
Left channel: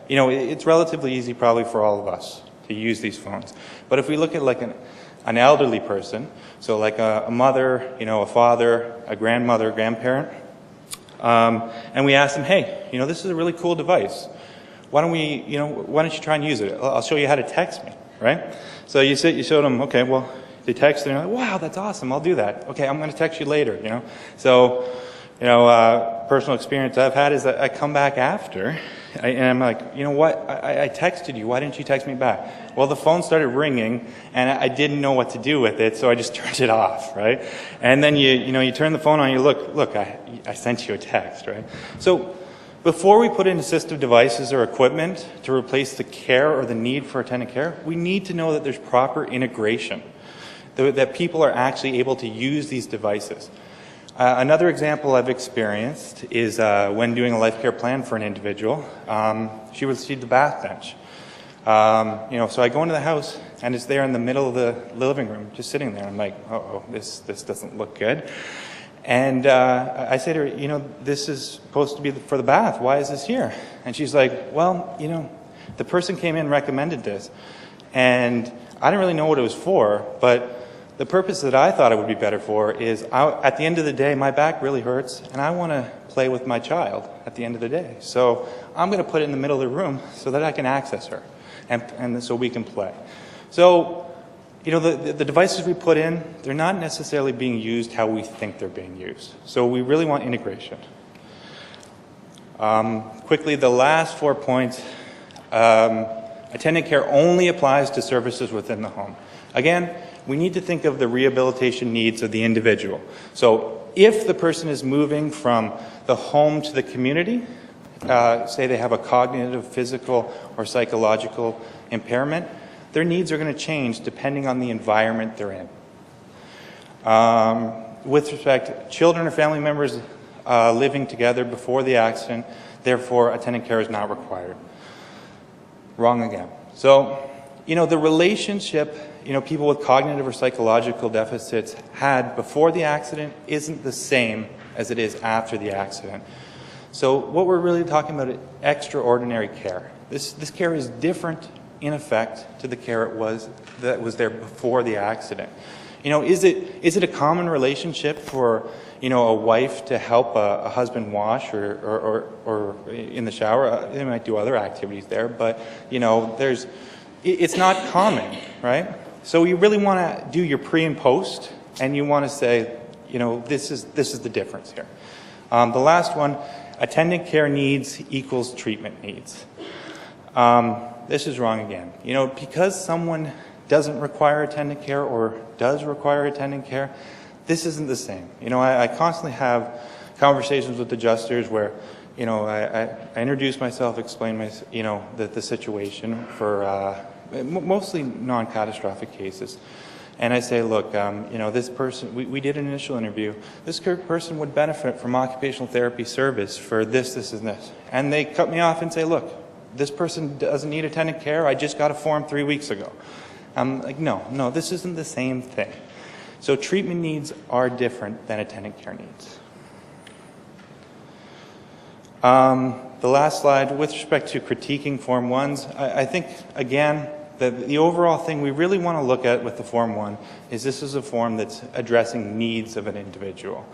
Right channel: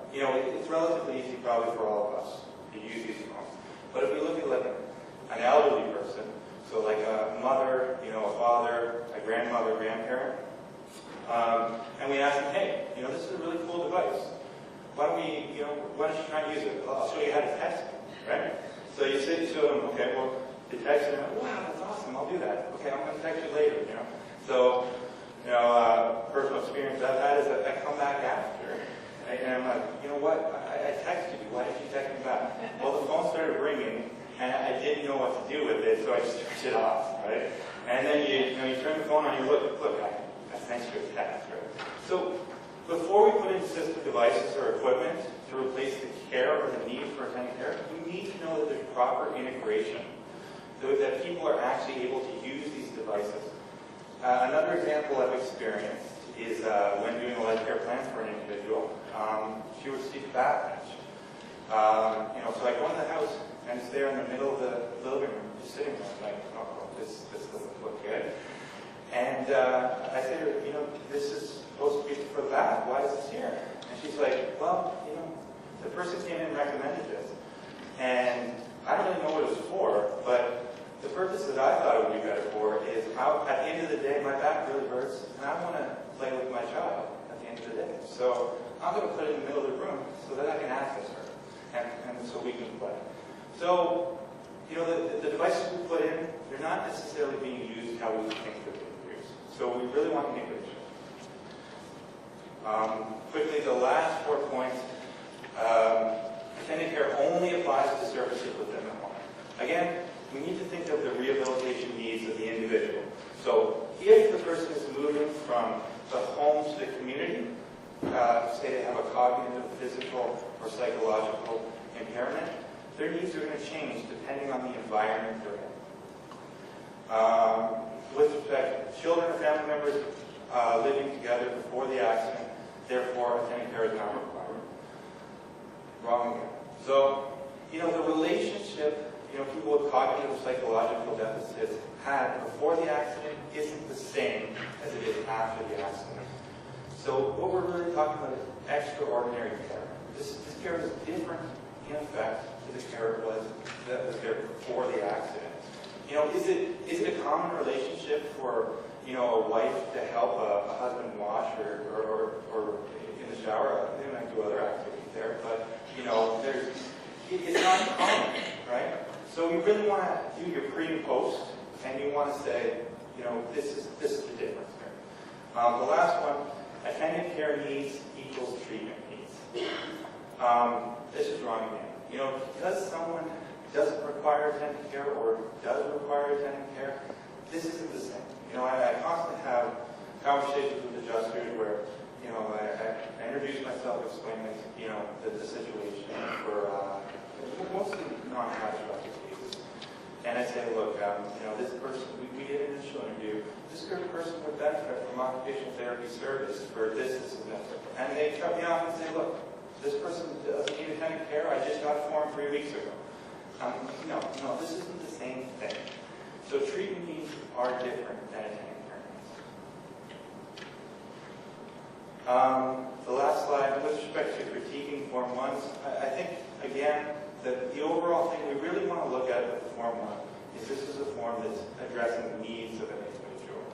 you know, it's relatively easy probably for all of us to use these phones. But if we look at like an elderly person, so like a mother, you know, a father, a grandmother, grandparent, and we ask them, hey, you know, this is a really cool device. Why don't you try and use it? I'll show you how to text me, right? So you showed them, okay, well, they text and they're like, wow, that's awesome, I'll do that. Okay, I'm going to text you later, you know. So, you know, personal experience I've had is that I come back after, and I'm like, you know what, I texted you, why didn't you text me back? Well, the phone started ringing, and I didn't know what to do with it, so I just turned it off, right? And then you turn the phone on, and you look, I sent you a text, right? So before we put in assistive devices or equipment to replace the care or the need for attendant care, we need to know that there's proper integration, that people are actually able to use these devices. Another example I've experienced is when doing a life care plan for an individual. She received the bath bench. You know, so I go into the house and it's there in the middle of the living room, just sitting there. I'm like, oh, this doesn't look good. And I say to her, you know, this is supposed to be for the bath. Why is this here? And she's like, well, you know, the person came in and recommended this, and I didn't really know what it was for, but the purpose that I thought it would be better for is, at the end of the day, my back really hurts, and I want to play with my child at the end of the day. So I'm going to put it in the middle of the room so that I can access her, and so we can play. So, you know, the devices we put in, they're not necessarily being used how we think they're being used. So we really want integration. Quickly, the last 4 points. Attendant care only applies to services within the home. Again, we need to think of the rehabilitation needs of the individual. So if the person is moving from the home to the community, say they have a cognitive, physical, or psychological impairment, their needs are going to change depending on the environment they're in. With respect, children or family members living together before the accident, therefore attendant care is not required. Wrong again. So, you know, the relationship, you know, people with cognitive or psychological deficits had before the accident isn't the same as it is after the accident. So what we're really talking about is extraordinary care. This care is different in effect to the care that was there before the accident. You know, is it a common relationship for, you know, a wife to help a husband wash or in the shower? They might do other activities there, but, you know, it's not common, right? So you really want to do your pre and post, and you want to say, you know, this is the difference here. The last one, attendant care needs equals treatment needs. This is wrong again. You know, because someone doesn't require attendant care or does require attendant care, this isn't the same. You know, I constantly have conversations with adjusters where, you know, I introduce myself, explain my, you know, the situation for mostly non-catastrophic cases. And I say, look, you know, this person, we did an initial interview. This person would benefit from occupational therapy service for this, this, and this. And they cut me off and say, look, this person doesn't need attendant care. I just got a form 3 weeks ago. I'm like, no, this isn't the same thing. So treatment needs are different than attendant care needs. The last slide, with respect to critiquing Form 1s, I think, again, the overall thing we really want to look at with the Form 1 is this is a form that's addressing needs of an individual.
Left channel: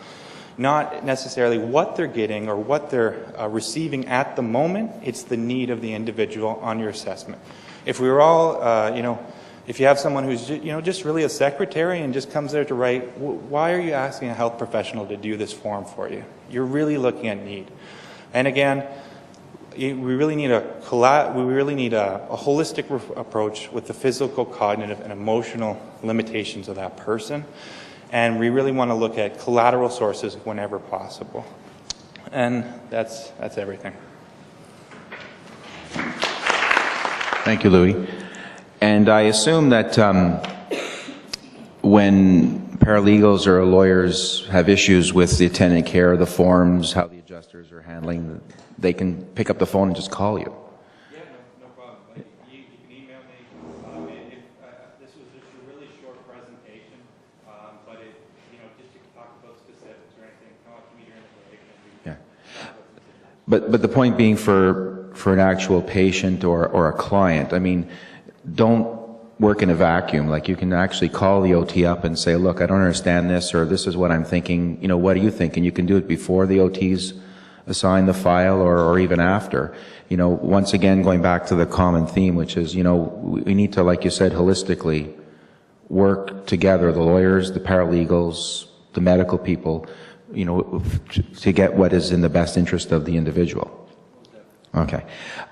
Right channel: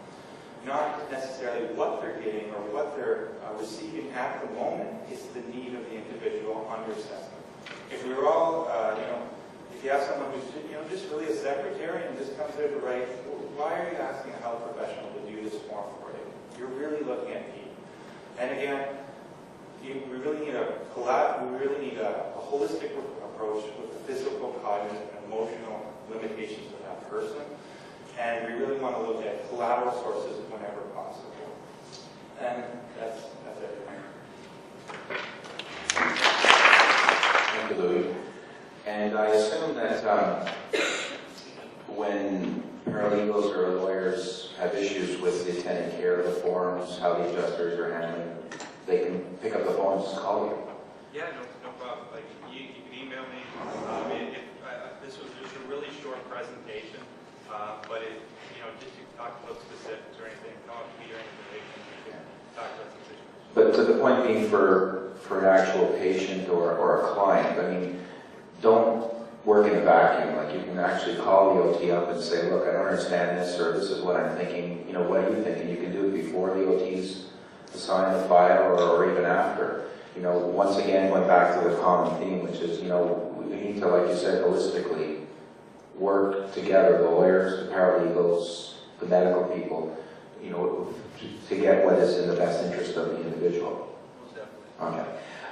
Not necessarily what they're getting or what they're receiving at the moment, it's the need of the individual on your assessment. If we were all, you know, if you have someone who's, you know, just really a secretary and just comes there to write, why are you asking a health professional to do this form for you? You're really looking at need. And again, we really need a holistic approach with the physical, cognitive, and emotional limitations of that person. And we really want to look at collateral sources whenever possible. And that's everything. Thank you, Louis. And I assume that when paralegals or lawyers have issues with the attendant care, the forms, how the adjusters are handling, they can pick up the phone and just call you. Yeah, no problem. Like, you can email me. This was just a really short presentation, but it, you know, just to talk about specifics or anything, come up to me or anything. Yeah. But the point being for an actual patient or a client, I mean, don't work in a vacuum. Like, you can actually call the OT up and say, look, I don't understand this, or this is what I'm thinking. You know, what do you think? And you can do it before the OTs assign the file or even after. You know, once again, going back to the common theme, which is, you know, we need to, like you said, holistically work together, the lawyers, the paralegals, the medical people, you know, to get what is in the best interest of the individual. Okay.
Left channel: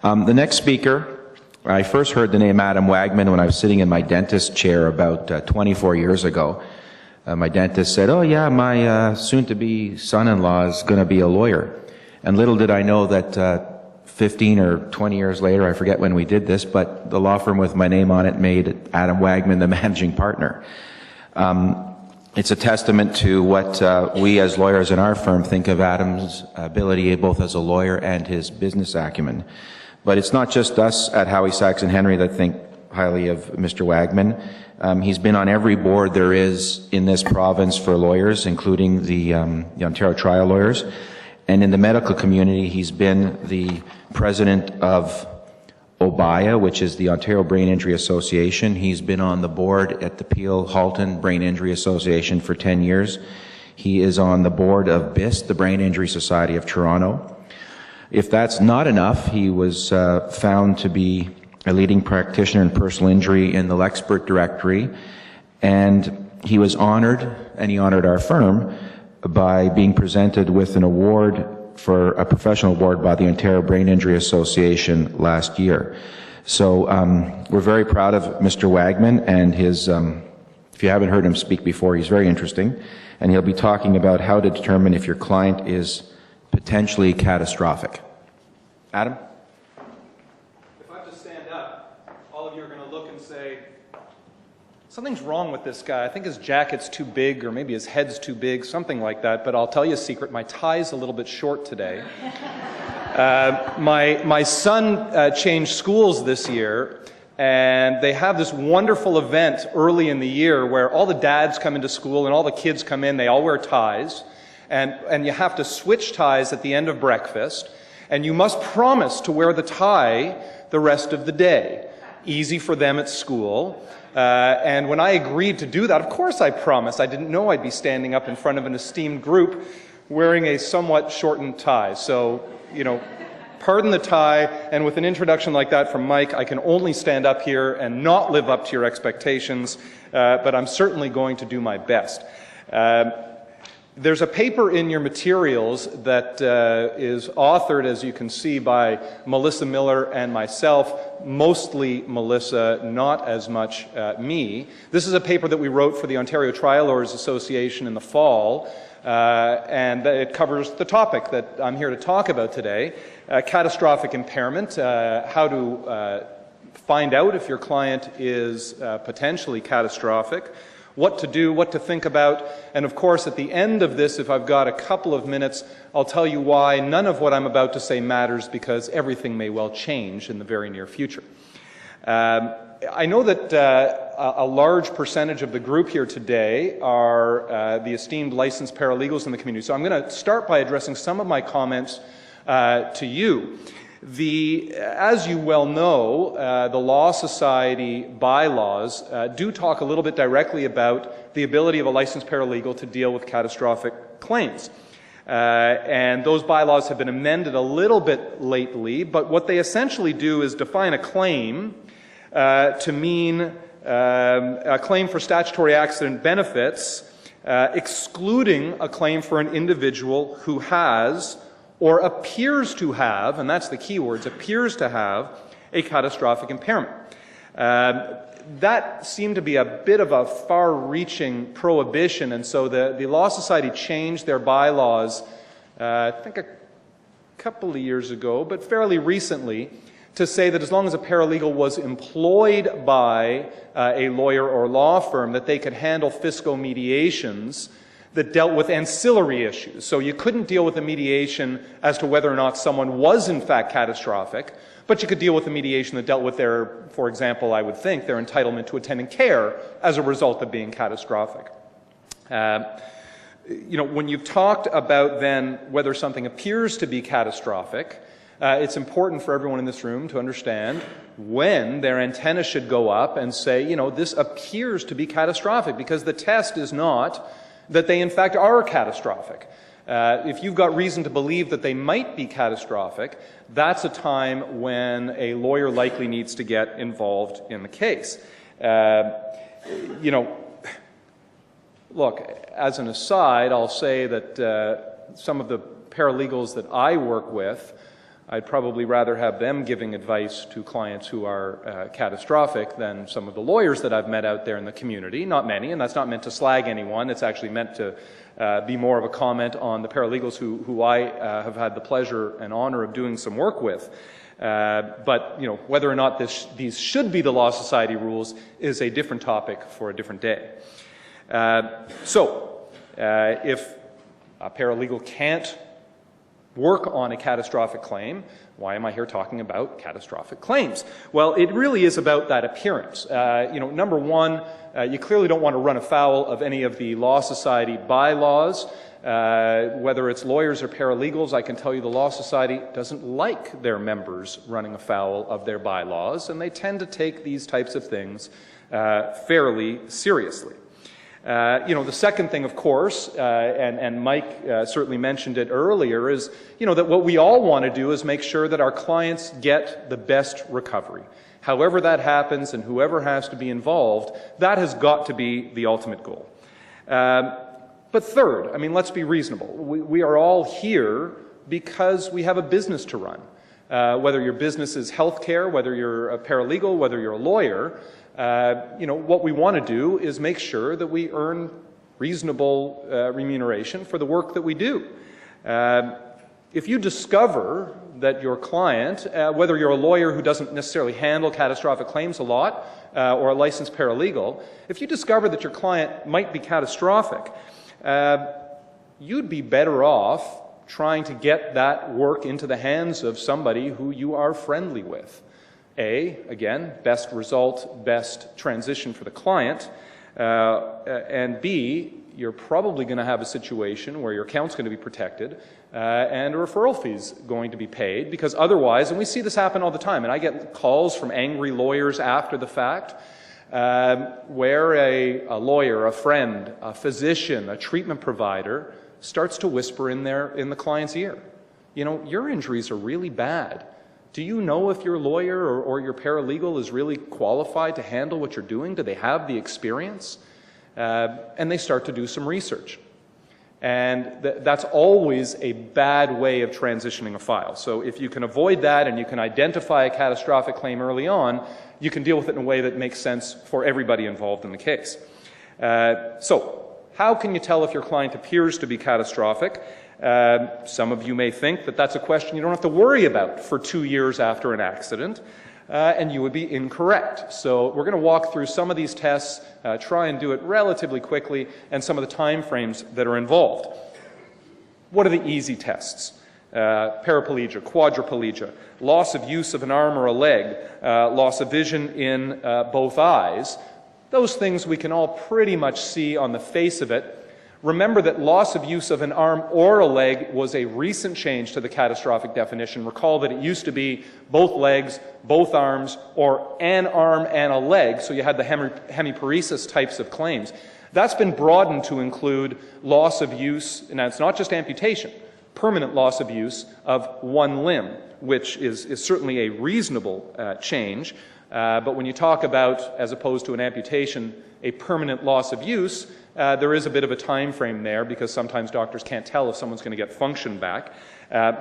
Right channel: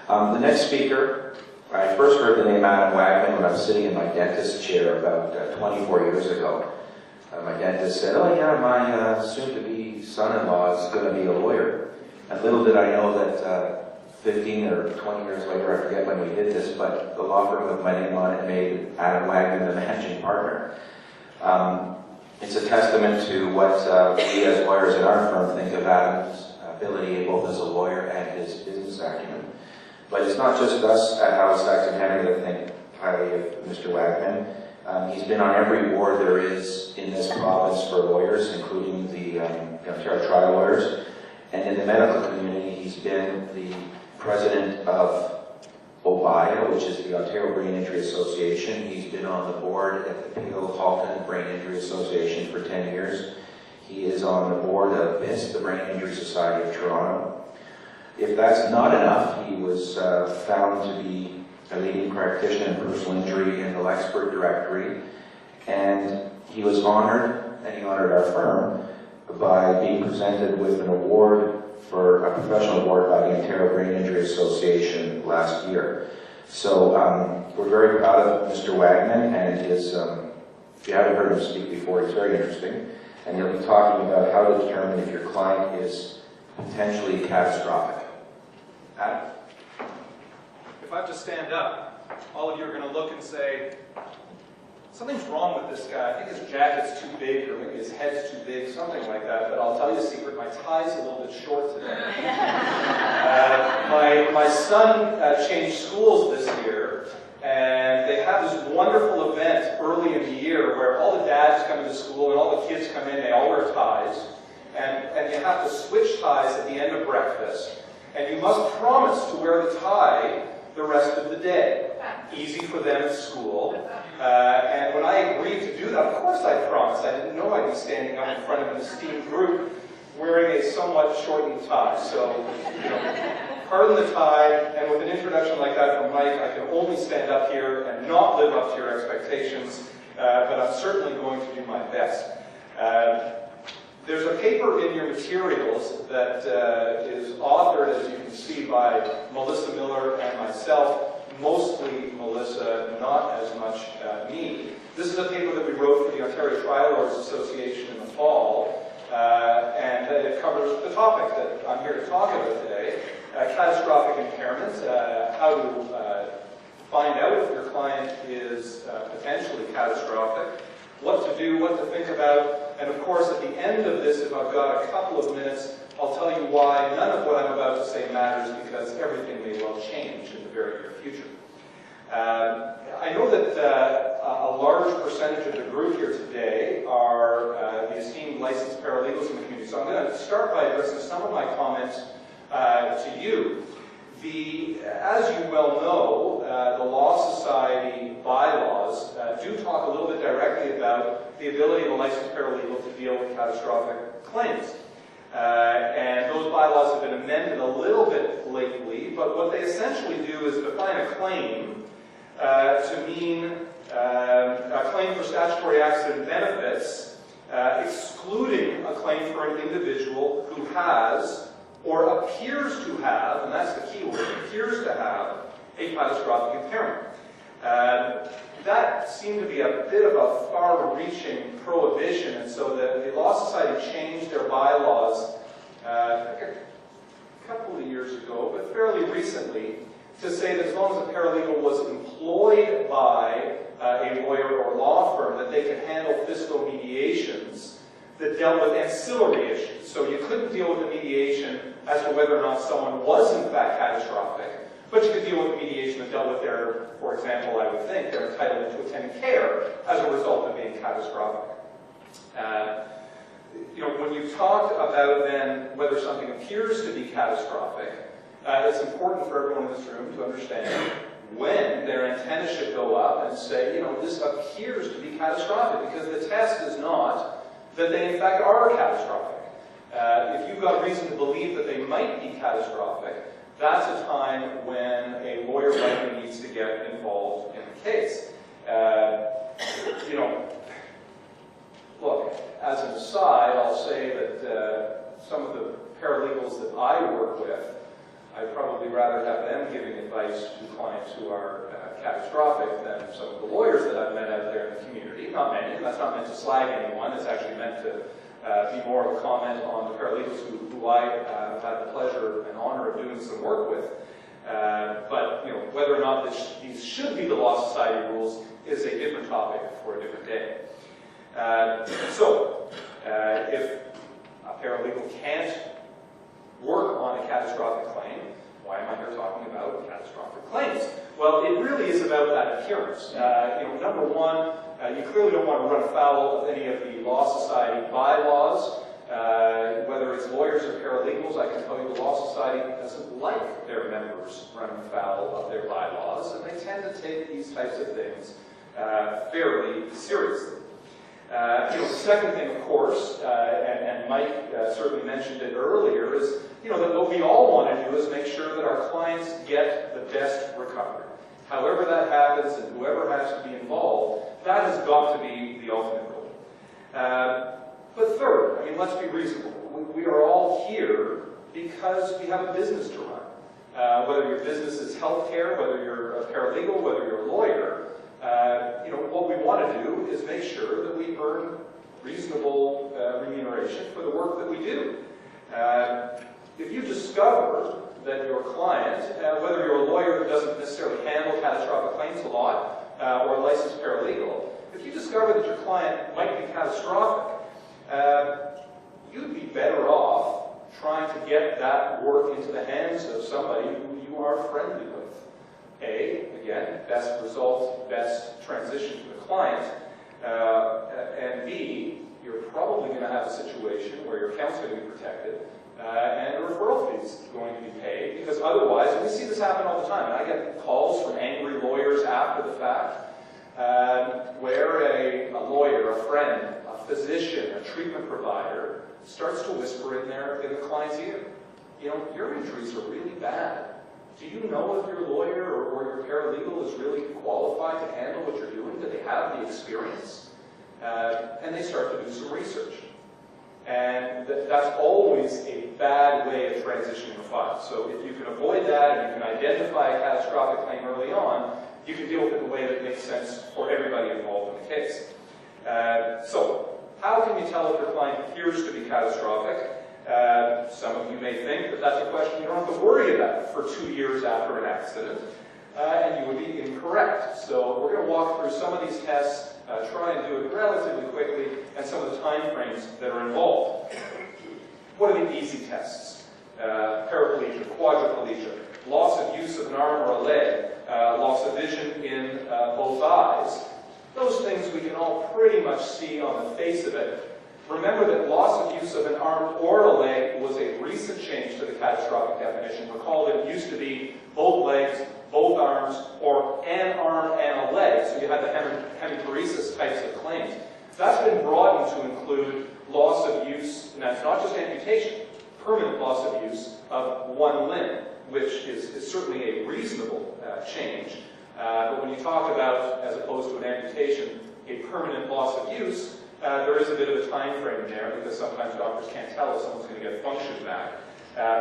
The next speaker, I first heard the name Adam Wagman when I was sitting in my dentist chair about 24 years ago. My dentist said, oh yeah, my soon-to-be son-in-law is going to be a lawyer. And little did I know that 15 or 20 years later, I forget when we did this, but the law firm with my name on it made Adam Wagman the managing partner. It's a testament to what we as lawyers in our firm think of Adam's ability both as a lawyer and his business acumen. But it's not just us at Howie, Sachs & Henry that think highly of Mr. Wagman. He's been on every board there is in this province for lawyers, including the Ontario Trial Lawyers. And in the medical community, he's been the president of OBIA, which is the Ontario Brain Injury Association. He's been on the board at the Peel Halton Brain Injury Association for 10 years. He is on the board of BIST, the Brain Injury Society of Toronto. If that's not enough, he was found to be a leading practitioner in personal injury in the Lexpert Directory, and he was honored, and he honored our firm, by being presented with an award for a professional award by the Ontario Brain Injury Association last year. So we're very proud of Mr. Wagman, and his, if you haven't heard him speak before, he's very interesting, and he'll be talking about how to determine if your client is potentially catastrophic. Adam? If I just stand up, all of you are going to look and say, something's wrong with this guy. I think his jacket's too big, or maybe his head's too big, something like that. But I'll tell you a secret, my tie's a little bit short today. My son changed schools this year, and they have this wonderful event early in the year where all the dads come into school and all the kids come in, they all wear ties, and you have to switch ties at the end of breakfast, and you must promise to wear the tie the rest of the day. Easy for them at school. And when I agreed to do that, of course I promised. I didn't know I'd be standing up in front of an esteemed group wearing a somewhat shortened tie. So, you know, pardon the tie, and with an introduction like that from Mike, I can only stand up here and not live up to your expectations, but I'm certainly going to do my best. There's a paper in your materials that is authored, as you can see, by Melissa Miller and myself, mostly Melissa, not as much me. This is a paper that we wrote for the Ontario Trial Lawyers Association in the fall, and it covers the topic that I'm here to talk about today, catastrophic impairment, how to find out if your client is potentially catastrophic, what to do, what to think about, and of course at the end of this, if I've got a couple of minutes, I'll tell you why none of what I'm about to say matters, because everything may well change in the very near future. I know that a large percentage of the group here today are the esteemed licensed paralegals in the community, so I'm going to start by addressing some of my comments to you. As you well know, the Law Society bylaws do talk a little bit directly about the ability of a licensed paralegal to deal with catastrophic claims. And those bylaws have been amended a little bit lately, but what they essentially do is define a claim to mean a claim for statutory accident benefits, excluding a claim for an individual who has or appears to have, and that's the key words, appears to have a catastrophic impairment. That seemed to be a bit of a far-reaching prohibition, and so the Law Society changed their bylaws, I think a couple of years ago, but fairly recently, to say that as long as a paralegal was employed by a lawyer or law firm, that they could handle fiscal mediations that dealt with ancillary issues. So you couldn't deal with a mediation as to whether or not someone was in fact catastrophic, but you could deal with a mediation that dealt with their, for example, I would think, their entitlement to attendant care as a result of being catastrophic. You know, when you've talked about then whether something appears to be catastrophic, it's important for everyone in this room to understand when their antenna should go up and say, you know, this appears to be catastrophic, because the test is not that they in fact are catastrophic. If you've got reason to believe that they might be catastrophic, that's a time when a lawyer likely needs to get involved in the case. You know, look, as an aside, I'll say that some of the paralegals that I work with, I'd probably rather have them giving advice to clients who are catastrophic than some of the lawyers that I've met out there in the community. Not many, and that's not meant to slag anyone. It's actually meant to be more of a comment on the paralegals who I have had the pleasure and honor of doing some work with. But you know, whether or not these should be the Law Society rules is a different topic for a different day. If a paralegal can't work on a catastrophic claim, why am I here talking about catastrophic claims? Well, it really is about that appearance. You know, number one, you clearly don't want to run afoul of any of the Law Society bylaws. Whether it's lawyers or paralegals, I can tell you the Law Society doesn't like their members running afoul of their bylaws, and they tend to take these types of things fairly seriously. You know, the second thing, of course, and Mike certainly mentioned it earlier, is, you know, that what we all want to do is make sure that our clients get the best recovery. However that happens and whoever has to be involved, that has got to be the ultimate goal. But third, I mean, let's be reasonable. We are all here because we have a business to run. Whether your business is healthcare, whether you're a paralegal, whether you're a lawyer, you know, what we want to do is make sure that we earn reasonable remuneration for the work that we do. If you discover that your client, whether you're a lawyer who doesn't necessarily handle catastrophic claims a lot, or a licensed paralegal, if you discover that your client might be catastrophic, you'd be better off trying to get that work into the hands of somebody who you are friendly with. Again, best result, best transition for the client, and B, you're probably going to have a situation where your account's going to be protected, and a referral fee is going to be paid, because otherwise, and we see this happen all the time, and I get calls from angry lawyers after the fact, where a lawyer, a friend, a physician, a treatment provider starts to whisper in the client's ear, you know, your injuries are really bad. Do you know if your lawyer or your paralegal is really qualified to handle what you're doing? Do they have the experience? And they start to do some research. And that's always a bad way of transitioning a file. So if you can avoid that and you can identify a catastrophic claim early on, you can deal with it in a way that makes sense for everybody involved in the case. So how can you tell if your client appears to be catastrophic? Some of you may think that that's a question you don't have to worry about for 2 years after an accident, and you would be incorrect. So we're going to walk through some of these tests, try and do it relatively quickly, and some of the time frames that are involved. What are the easy tests? Paraplegia, quadriplegia, loss of use of an arm or a leg, loss of vision in both eyes. Those things we can all pretty much see on the face of it. Remember that loss of use of an arm or a leg was a recent change to the catastrophic definition. Recall that it used to be both legs, both arms, or an arm and a leg, so you had the hemiparesis types of claims. That's been broadened to include loss of use, and that's not just amputation, permanent loss of use of one limb, which is certainly a reasonable change. But when you talk about, as opposed to an amputation, a permanent loss of use, there is a bit of a time frame there because sometimes doctors can't tell if someone's going to get function back.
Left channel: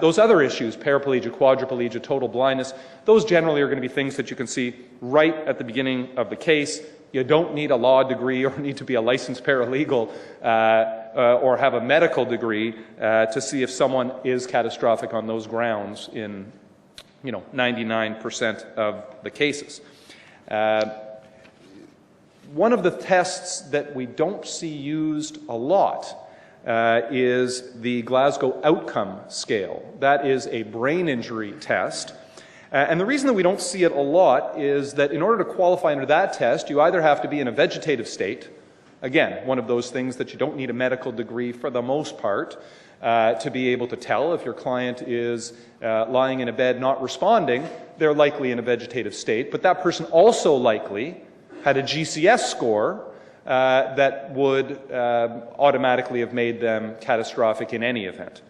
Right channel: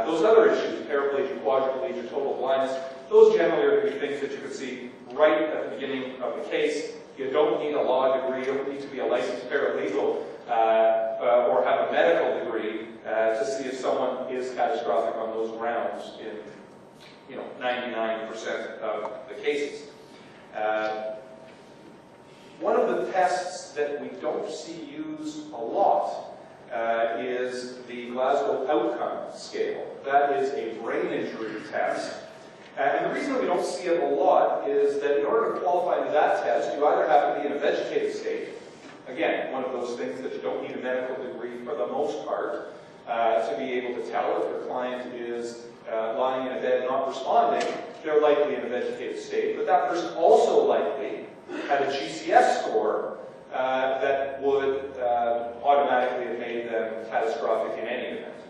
Those other issues, paraplegia, quadriplegia, total blindness, those generally are going to be things that you can see right at the beginning of the case. You don't need a law degree or need to be a licensed paralegal or have a medical degree to see if someone is catastrophic on those grounds in 99% of the cases. One of the tests that we don't see used a lot is the Glasgow Outcome Scale. That is a brain injury test. And the reason that we don't see it a lot is that in order to qualify under that test, you either have to be in a vegetative state, again, one of those things that you don't need a medical degree for the most part to be able to tell if your client is lying in a bed not responding, they're likely in a vegetative state, but that person also likely had a GCS score that would automatically have made them catastrophic in any event.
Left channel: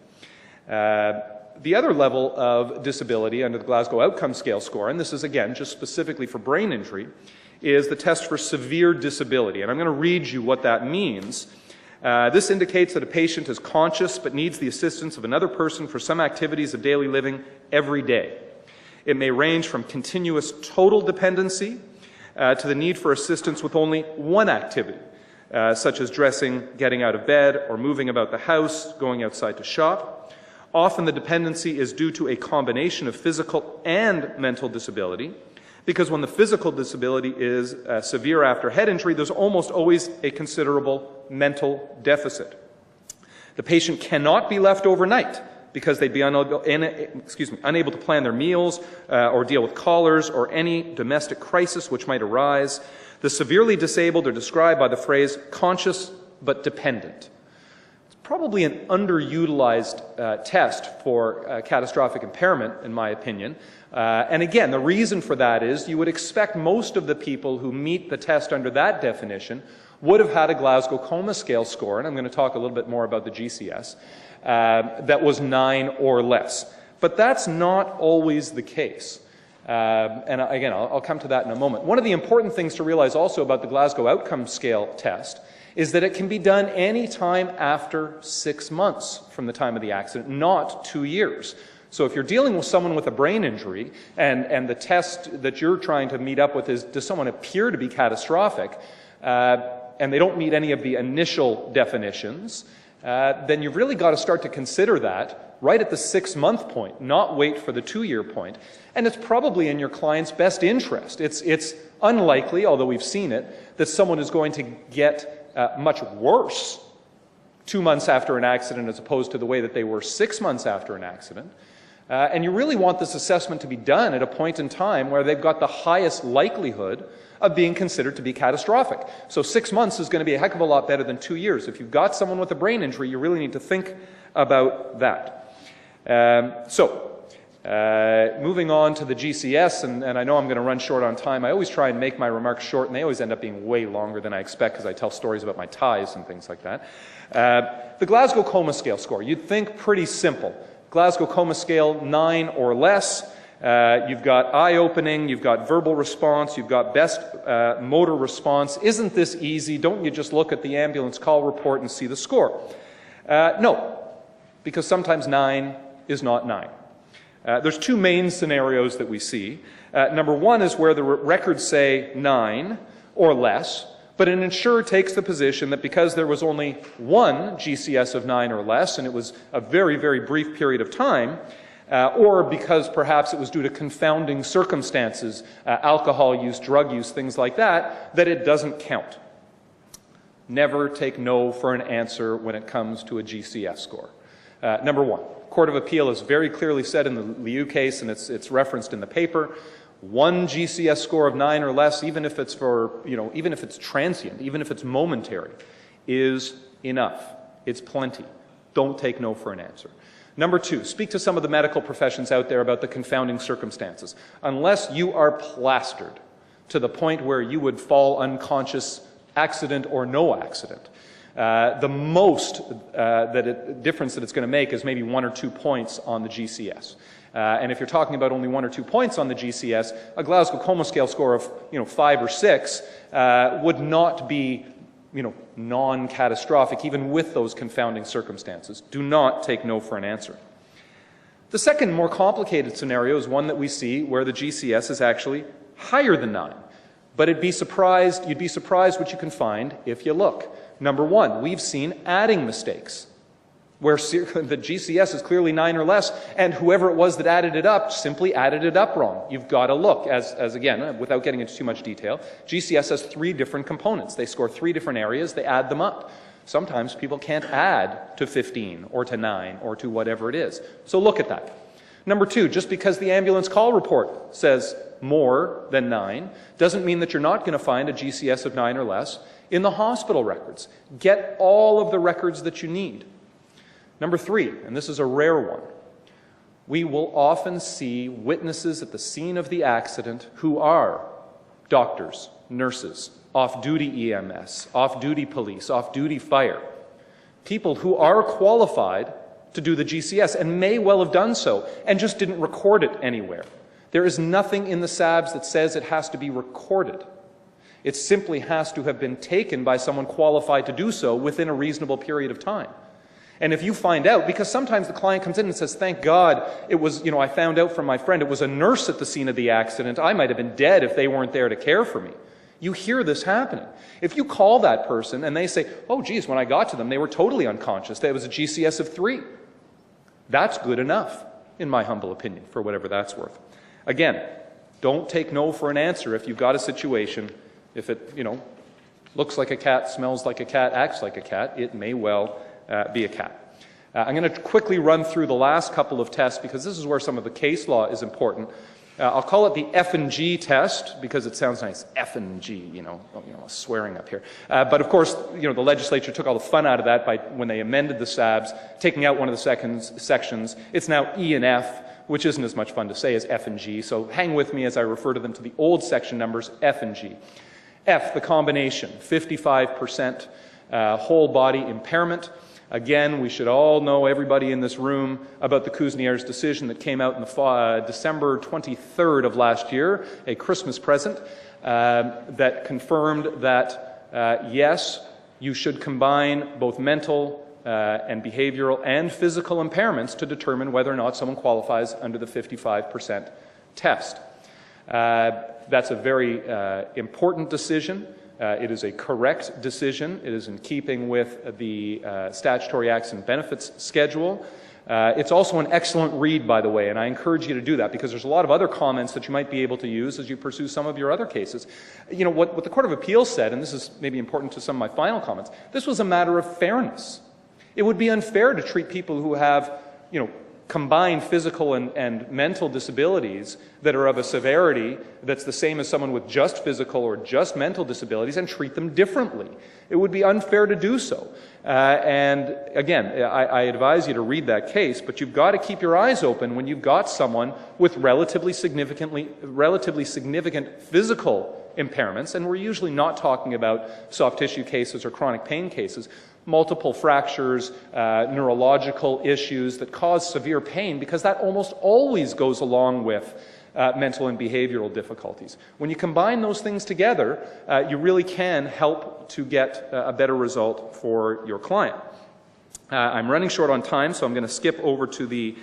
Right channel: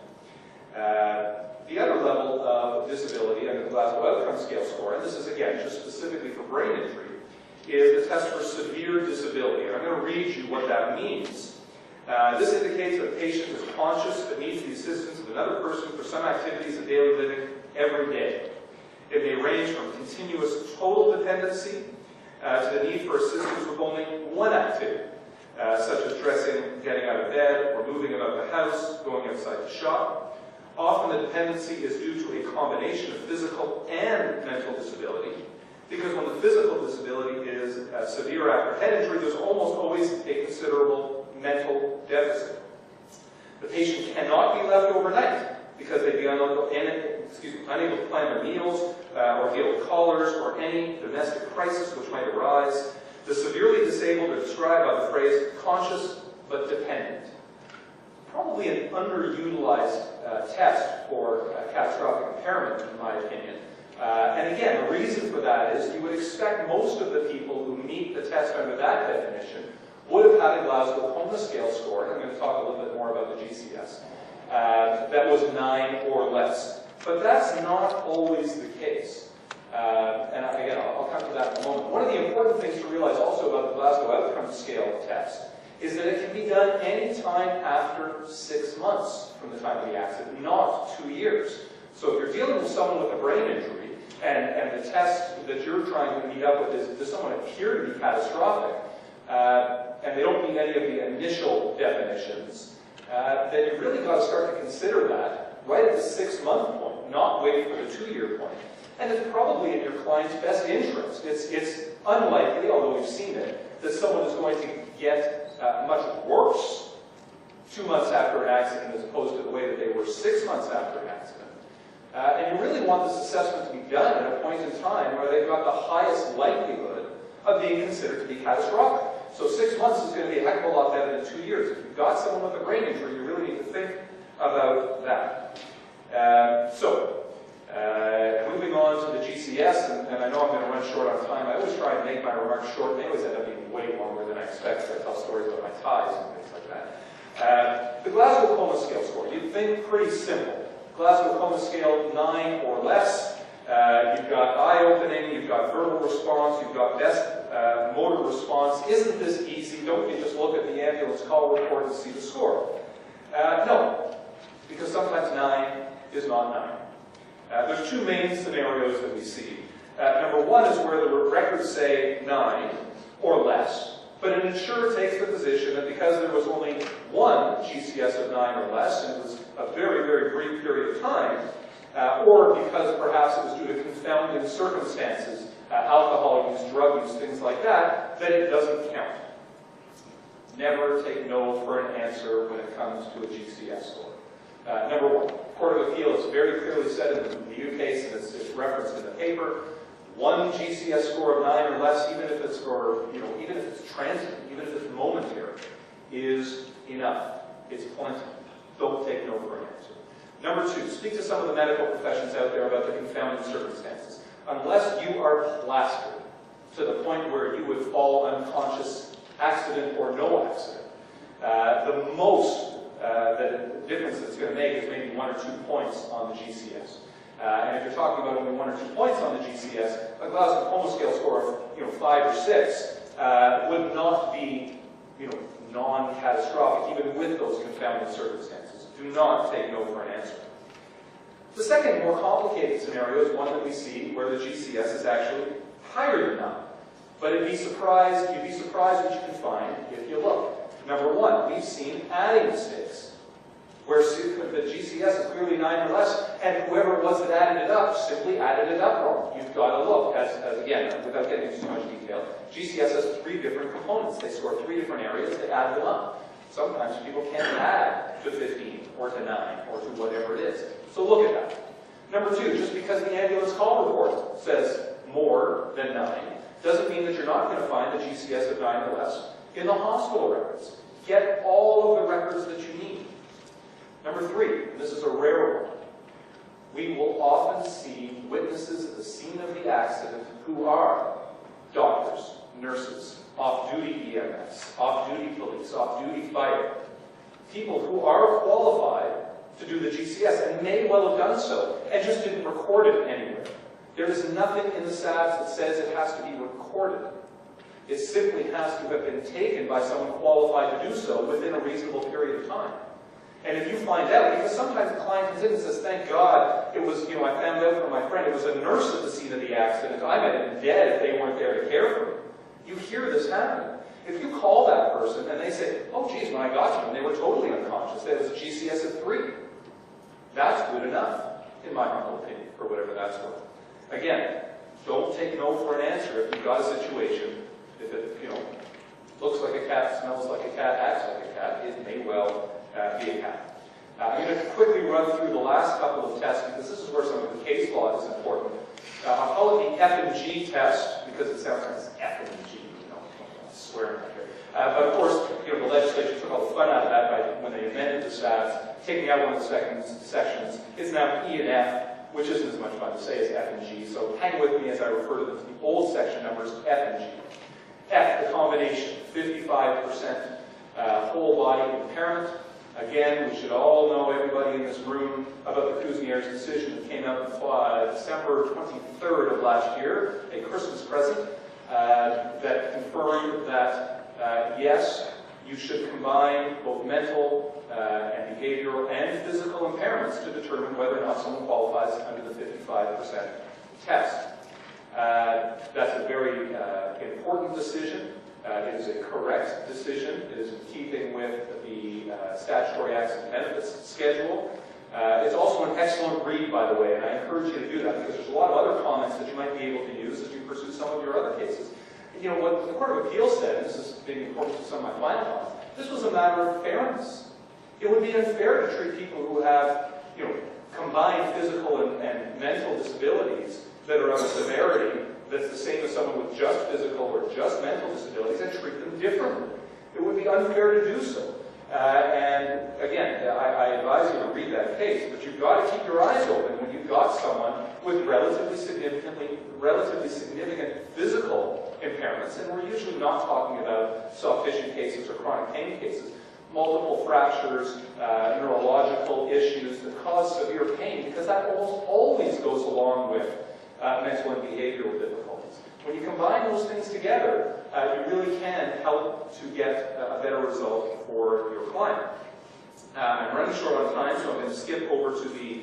The other level of disability under the Glasgow Outcome Scale score, and this is again just specifically for brain injury, is the test for severe disability. And I'm going to read you what that means. This indicates that a patient is conscious but needs the assistance of another person for some activities of daily living every day. It may range from continuous total dependency to the need for assistance with only one activity, such as dressing, getting out of bed, or moving about the house, going outside to shop. Often the dependency is due to a combination of physical and mental disability, because when the physical disability is severe after head injury, there's almost always a considerable mental deficit. The patient cannot be left overnight because they'd be unable to plan their meals or deal with callers or any domestic crisis which might arise. The severely disabled are described by the phrase conscious but dependent. It's probably an underutilized test for catastrophic impairment, in my opinion. And again, the reason for that is you would expect most of the people who meet the test under that definition would have had a Glasgow Coma Scale score, and I'm going to talk a little bit more about the GCS, that was 9 or less. But that's not always the case. And again, I'll come to that in a moment. One of the important things to realize also about the Glasgow Outcome Scale test is that it can be done any time after 6 months from the time of the accident, not 2 years. So if you're dealing with someone with a brain injury and the test that you're trying to meet up with is, does someone appear to be catastrophic, and they don't meet any of the initial definitions, then you've really got to start to consider that right at the 6-month point, not wait for the 2-year point. And it's probably in your client's best interest. It's unlikely, although we've seen it, that someone is going to get much worse 2 months after an accident as opposed to the way that they were 6 months after an accident. And you really want this assessment to be done at a point in time where they've got the highest likelihood of being considered to be catastrophic. So 6 months is going to be a heck of a lot better than 2 years. If you've got someone with a brain injury, you really need to think about that. So Moving on to the GCS, and I know I'm going to run short on time. I always try and make my remarks short, and they always end up being way longer than I expect because I tell stories about my ties and things like that. The Glasgow Coma Scale score, you'd think pretty simple. Glasgow Coma Scale, 9 or less. You've got eye-opening, you've got verbal response, you've got best motor response. Isn't this easy? Don't you just look at the ambulance call report and see the score? No, because sometimes 9 is not 9. There's two main scenarios that we see. Number one is where the records say 9 or less, but an insurer takes the position that because there was only one GCS of 9 or less, and it was a very, very brief period of time, or because perhaps it was due to confounding circumstances, alcohol use, drug use, things like that, that it doesn't count. Never take no for an answer when it comes to a GCS score. Number one, Court of Appeal has very clearly said in the Liu case, and it's referenced in the paper, one GCS score of 9 or less, even if it's even if it's transient, even if it's momentary, is enough. It's plenty. Don't take no for an answer. Number two, speak to some of the medical professions out there about the confounding circumstances. Unless you are plastered to the point where you would fall unconscious, accident or no accident, the most difference that it's going to make is maybe 1 or 2 points on the GCS. And if you're talking about only 1 or 2 points on the GCS, a Glasgow Coma Scale score of 5 or 6 would not be non-catastrophic, even with those confounding circumstances. Do not take no for an answer. The second, more complicated scenario is one that we see where the GCS is actually higher than 9. But you'd be surprised what you can find if you look. Number one, we've seen adding mistakes, where the GCS is clearly 9 or less, and whoever it was that added it up simply added it up wrong. You've got to look, as again, without getting into too much detail, GCS has 3 different components. They score 3 different areas, they add them up. Sometimes people can't add to 15 or to 9 or to whatever it is. So look at that. Number two, just because the ambulance call report says more than 9 doesn't mean that you're not going to find a GCS of 9 or less in the hospital records. Get all of the records that you need. Number three, and this is a rare one, we will often see witnesses at the scene of the accident who are doctors, nurses, off-duty EMS, off-duty police, off-duty fire, people who are qualified to do the GCS and may well have done so and just didn't record it anywhere. There is nothing in the SABs that says it has to be recorded. It simply has to have been taken by someone qualified to do so within a reasonable period of time. And if you find out, because sometimes the client comes in and says, thank God, it was, I found out from my friend, it was a nurse at the scene of the accident. I might have been dead if they weren't there to care for me. You hear this happening. If you call that person and they say, oh, geez, when I got to them, they were totally unconscious. That was a GCS of 3. That's good enough, in my humble opinion, for whatever that's worth. Again, don't take no for an answer if you've got a situation. If it, looks like a cat, smells like a cat, acts like a cat, it may well be a cat. I'm going to quickly run through the last couple of tests because this is where some of the case law is important. I'll call it the F and G test because it sounds nice, F and G, swearing up here. But of course, the legislature took all the fun out of that by when they amended the SABs, taking out one of the sections. It's now E and F, which isn't as much fun to say as F and G. So hang with me as I refer to them to the old section numbers, F and G. F, the combination, 55% whole body impairment. Again, we should all know, everybody in this room, about the Kuznier's decision that came out on December 23rd of last year, a Christmas present, that confirmed that, yes, you should combine both mental and behavioral and physical impairments to determine whether or not someone qualifies under the 55% test. That's a very important decision. It is a correct decision. It is in keeping with the Statutory Acts and Benefits Schedule. It's also an excellent read, by the way, and I encourage you to do that because there's a lot of other comments that you might be able to use as you pursue some of your other cases. What the Court of Appeals said, and this is maybe important to some of my final comments, this was a matter of fairness. It would be unfair to treat people who have, combined physical and mental disabilities that are of a severity that's the same as someone with just physical or just mental disabilities and treat them differently. It would be unfair to do so. And again, I advise you to read that case, but you've got to keep your eyes open when you've got someone with relatively significant physical impairments, and we're usually not talking about soft tissue cases or chronic pain cases, multiple fractures, neurological issues that cause severe pain, because that almost always goes along with mental and behavioral difficulties. When you combine those things together, you really can help to get a better result for your client. I'm running short on time, so I'm going to skip over to the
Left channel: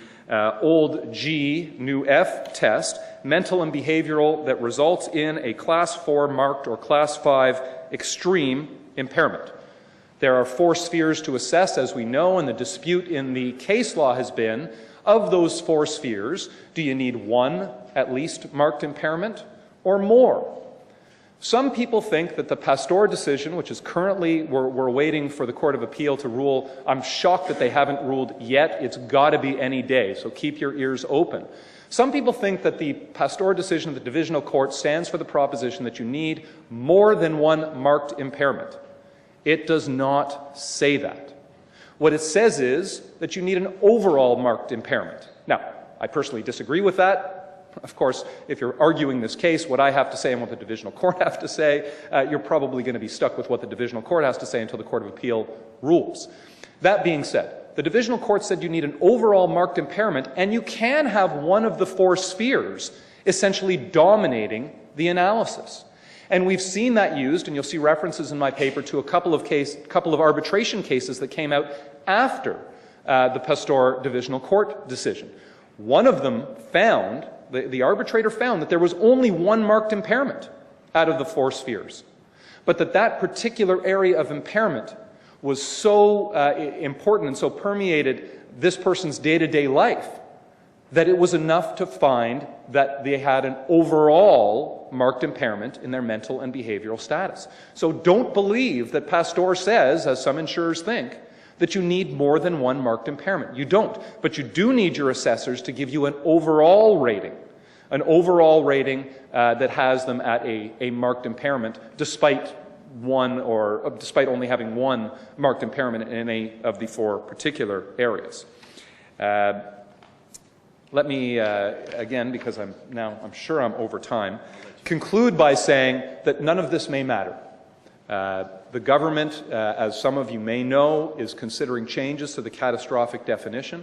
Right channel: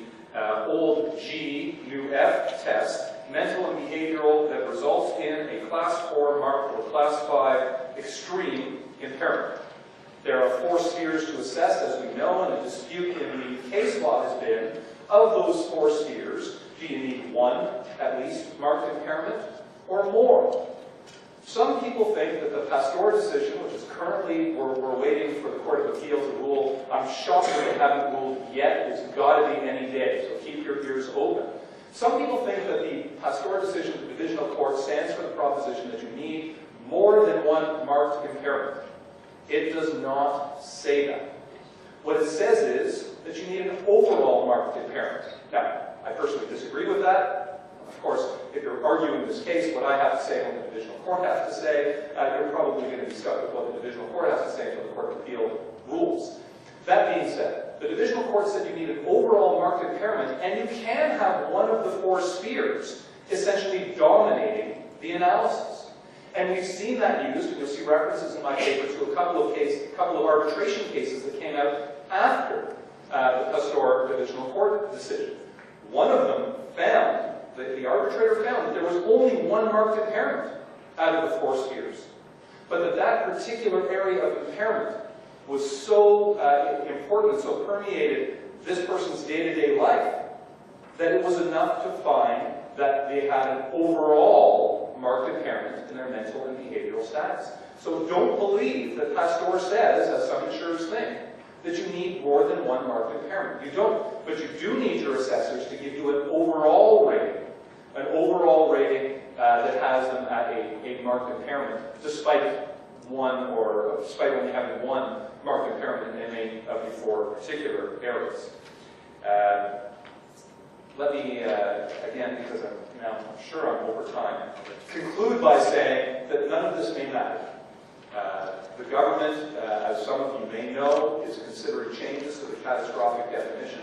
old G, new F test, mental and behavioral that results in a Class 4 marked or Class 5 extreme impairment. There are 4 spheres to assess, as we know, and the dispute in the case law has been, of those 4 spheres, do you need 1 at least marked impairment or more? Some people think that the Pastor decision, which is currently, we're waiting for the Court of Appeal to rule. I'm shocked that they haven't ruled yet. It's got to be any day, so keep your ears open. Some people think that the Pastor decision of the Divisional Court stands for the proposition that you need more than 1 marked impairment. It does not say that. What it says is that you need an overall marked impairment. Now, I personally disagree with that. Of course, if you're arguing this case, what I have to say and what the Divisional Court have to say, you're probably going to be stuck with what the Divisional Court has to say until the Court of Appeal rules. That being said, the Divisional Court said you need an overall marked impairment, and you can have one of the 4 spheres essentially dominating the analysis. And we've seen that used, and you'll see references in my paper to a couple of arbitration cases that came out after the Pastor Divisional Court decision. One of them found, the arbitrator found that there was only 1 marked impairment out of the 4 spheres. But that particular area of impairment was so important and so permeated this person's day-to-day life that it was enough to find that they had an overall marked impairment in their mental and behavioral status. So don't believe that Pastor says, as some insurers think, that you need more than 1 marked impairment. You don't. But you do need your assessors to give you an overall rating that has them at a marked impairment, despite only having 1 marked impairment in any of the 4 particular areas. Let me, again, because I'm sure I'm over time, conclude by saying that none of this may matter. The government, as some of you may know, is considering changes to the catastrophic definition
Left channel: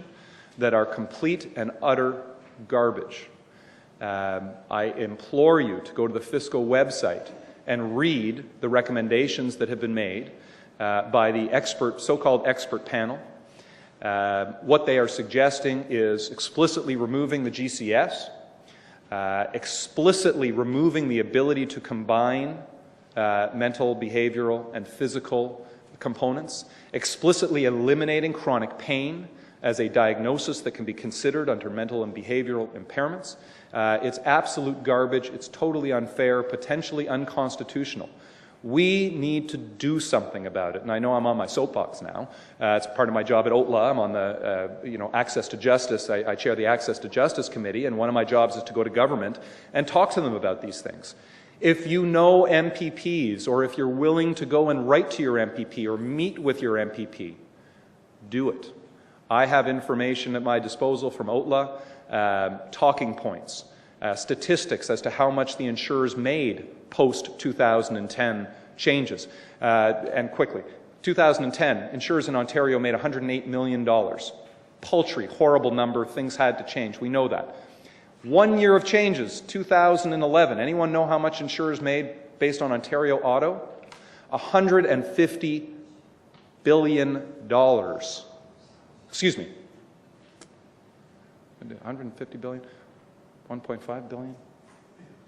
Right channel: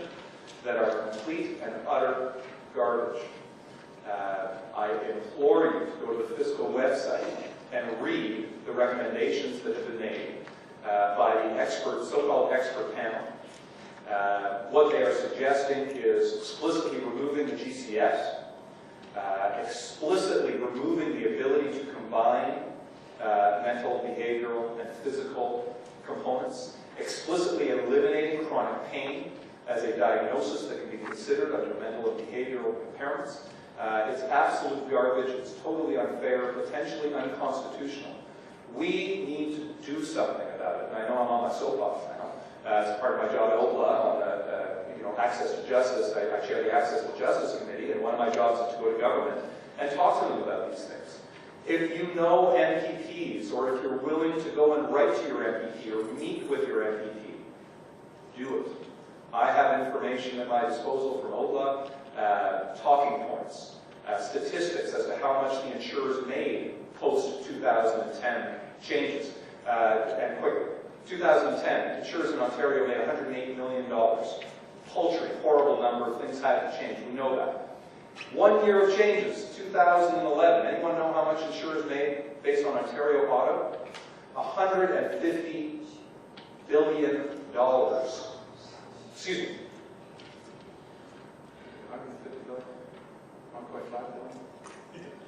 that are complete and utter garbage. I implore you to go to the fiscal website and read the recommendations that have been made by the so-called expert panel. What they are suggesting is explicitly removing the GCS, explicitly removing the ability to combine mental, behavioral, and physical components, explicitly eliminating chronic pain as a diagnosis that can be considered under mental and behavioral impairments. It's absolute garbage. It's totally unfair, potentially unconstitutional. We need to do something about it. And I know I'm on my soapbox now. It's part of my job at OTLA. I'm on the Access to Justice. I chair the Access to Justice Committee, and one of my jobs is to go to government and talk to them about these things. If you know MPPs, or if you're willing to go and write to your MPP or meet with your MPP, do it. I have information at my disposal from OTLA, talking points, statistics as to how much the insurers made post-2010 changes. And quickly, 2010, insurers in Ontario made $108 million. Paltry, horrible number of things had to change. We know that. 1 year of changes, 2011. Anyone know how much insurers made based on Ontario Auto? $150 billion. Excuse me. 150 billion? 1.5 billion?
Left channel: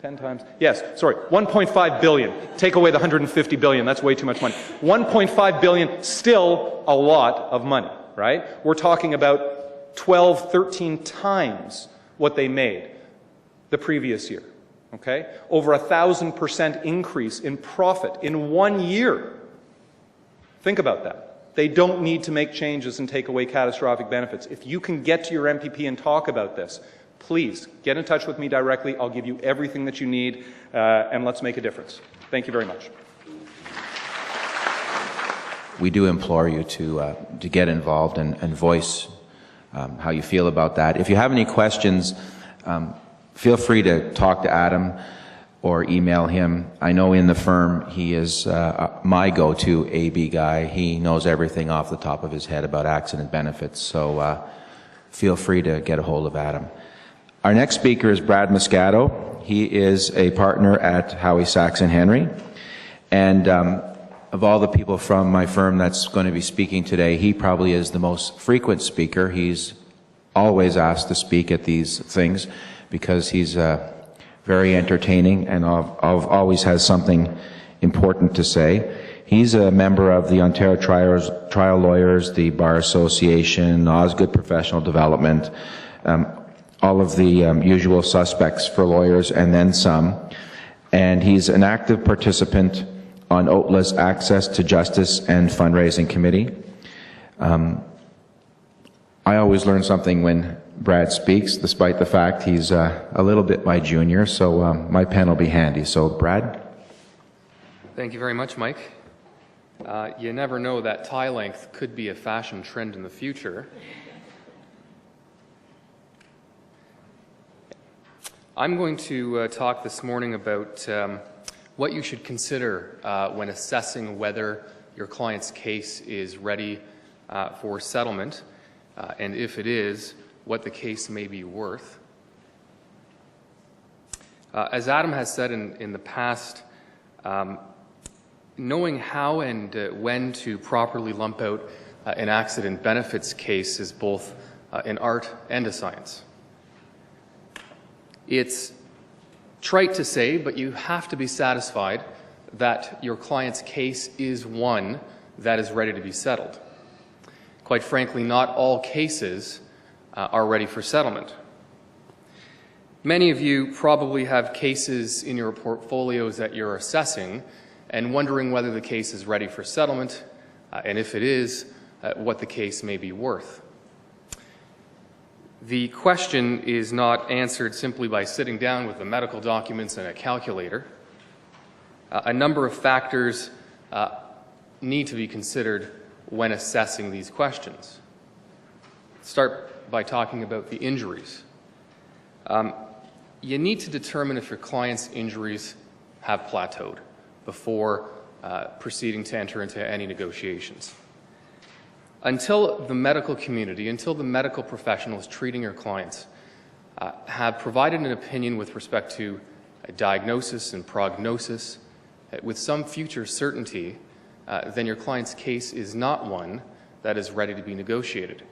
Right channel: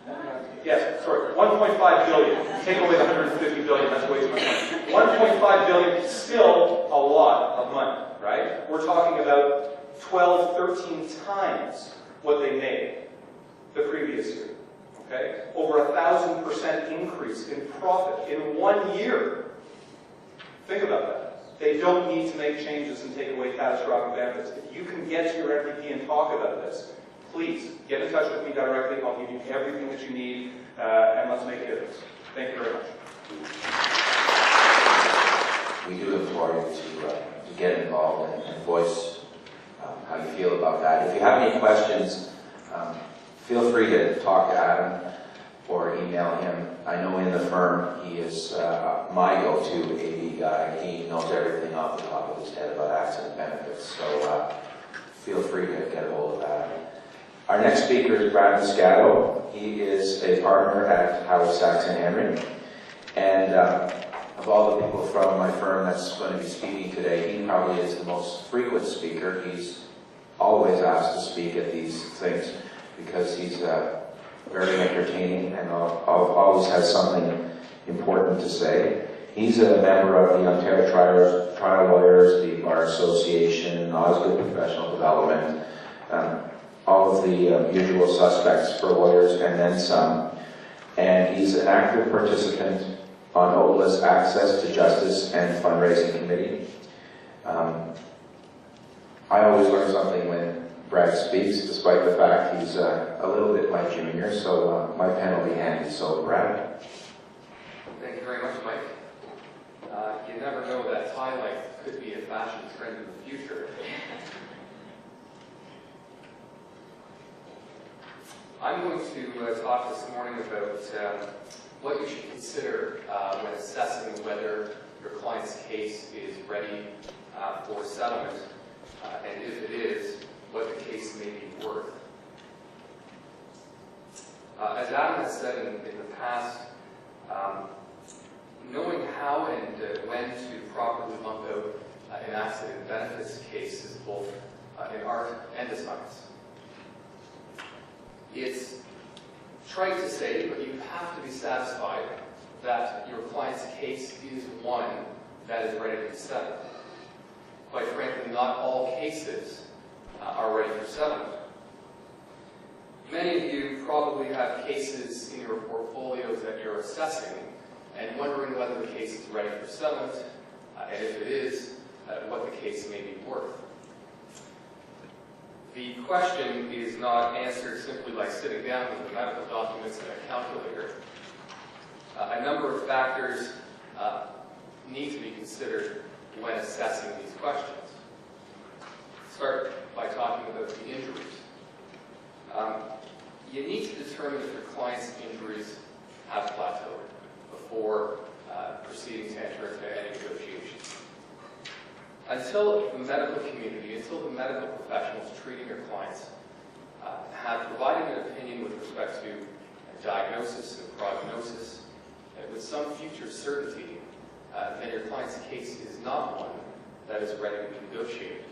10 times? Yes, sorry, 1.5 billion. Take away the 150 billion, that's way too much money. 1.5 billion, still a lot of money, right? We're talking about 12, 13 times what they made the previous year, okay? Over 1,000% increase in profit in 1 year. Think about that. They don't need to make changes and take away catastrophic benefits. If you can get to your MPP and talk about this, please get in touch with me directly. I'll give you everything that you need, and let's make a difference. Thank you very much. we do implore you to get involved and voice how you feel about that. If you have any questions, feel free to talk to Adam or email him. I know in the firm he is my go-to AB guy. He knows everything off the top of his head about accident benefits, so feel free to get a hold of Adam. Our next speaker is Brad Moscato. He is a partner at Howie, Sachs & Henry. And of all the people from my firm that's going to be speaking today, he probably is the most frequent speaker. He's always asked to speak at these things because he's very entertaining and always has something important to say. He's a member of the Ontario Trial Lawyers, the Bar Association, Osgood Professional Development, all of the usual suspects for lawyers and then some. And he's an active participant on OTLA's Access to Justice and Fundraising Committee. I always learn something when Brad speaks, despite the fact he's a little bit my junior, so my pen will be handy. So, Brad? Thank you very much, Mike. You never know, that tie length could be a fashion trend in the future. I'm going to talk this morning about what you should consider when assessing whether your client's case is ready for settlement, and if it is, what the case may be worth. As Adam has said in the past, knowing how and when to properly lump out an accident benefits case is both an art and a science. It's trite to say, but you have to be satisfied that your client's case is one that is ready to be settled. Quite frankly, not all cases are ready for settlement. Many of you probably have cases in your portfolios that you're assessing and wondering whether the case is ready for settlement, and if it is, what the case may be worth. The question is not answered simply by sitting down with the medical documents and a calculator. A number of factors need to be considered when assessing these questions. Start by talking about the injuries. You need to determine if your client's injuries have plateaued before proceeding to enter into any negotiations. Until the medical community, until the medical professionals treating your clients have provided an opinion with respect to a diagnosis and prognosis with some future certainty, then your client's case is not one that is ready to be negotiated.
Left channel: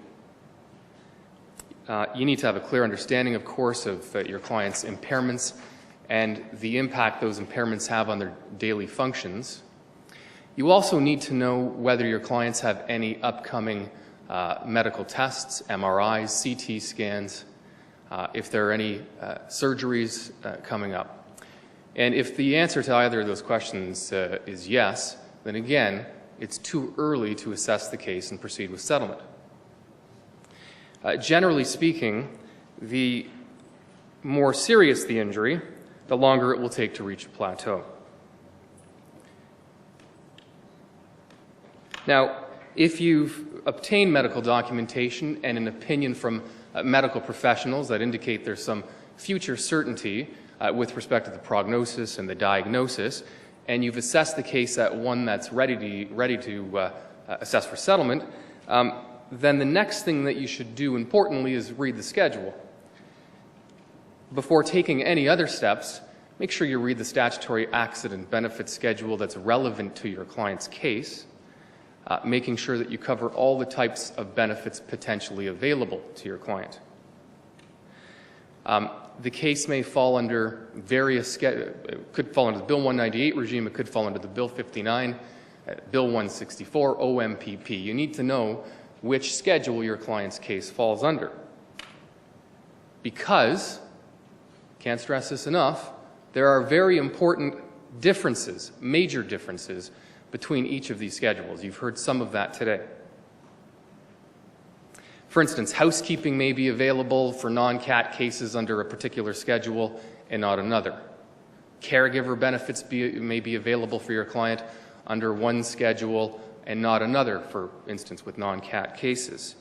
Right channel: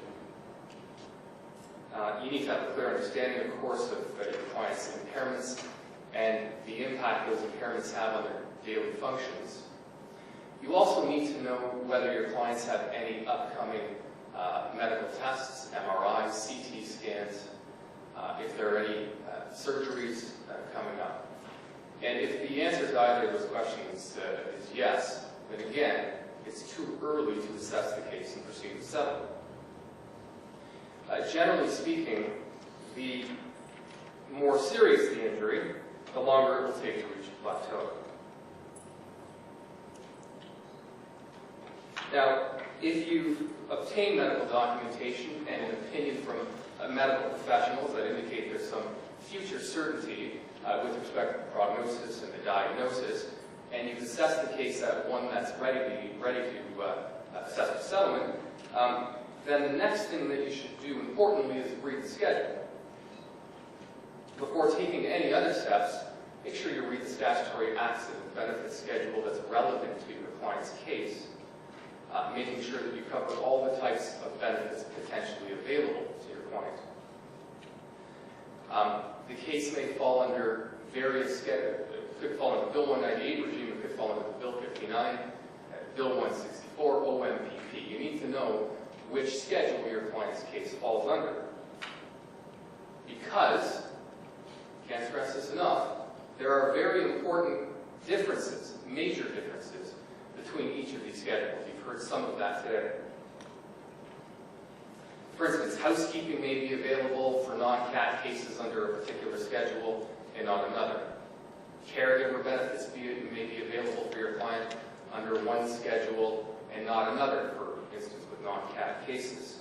You need to have a clear understanding, of course, of your client's impairments and the impact those impairments have on their daily functions. You also need to know whether your clients have any upcoming medical tests, MRIs, CT scans, if there are any surgeries coming up. And if the answer to either of those questions is yes, then again, it's too early to assess the case and proceed with settlement. Generally speaking, the more serious the injury, the longer it will take to reach a plateau. Now, if you've obtained medical documentation and an opinion from medical professionals that indicate there's some future certainty with respect to the prognosis and the diagnosis, and you've assessed the case at one that's ready to assess for settlement, then the next thing that you should do, importantly, is read the schedule. Before taking any other steps, make sure you read the statutory accident benefit schedule that's relevant to your client's case, making sure that you cover all the types of benefits potentially available to your client. The case may fall under various, it could fall under the Bill 198 regime, it could fall under the Bill 59, Bill 164, OMPP. You need to know which schedule your client's case falls under. Because, can't stress this enough, there are very important differences, major differences, between each of these schedules. You've heard some of that today. For instance, housekeeping may be available for non-CAT cases under a particular schedule and not another. Caregiver benefits may be available for your client under one schedule and not another, for instance, with non-CAT cases.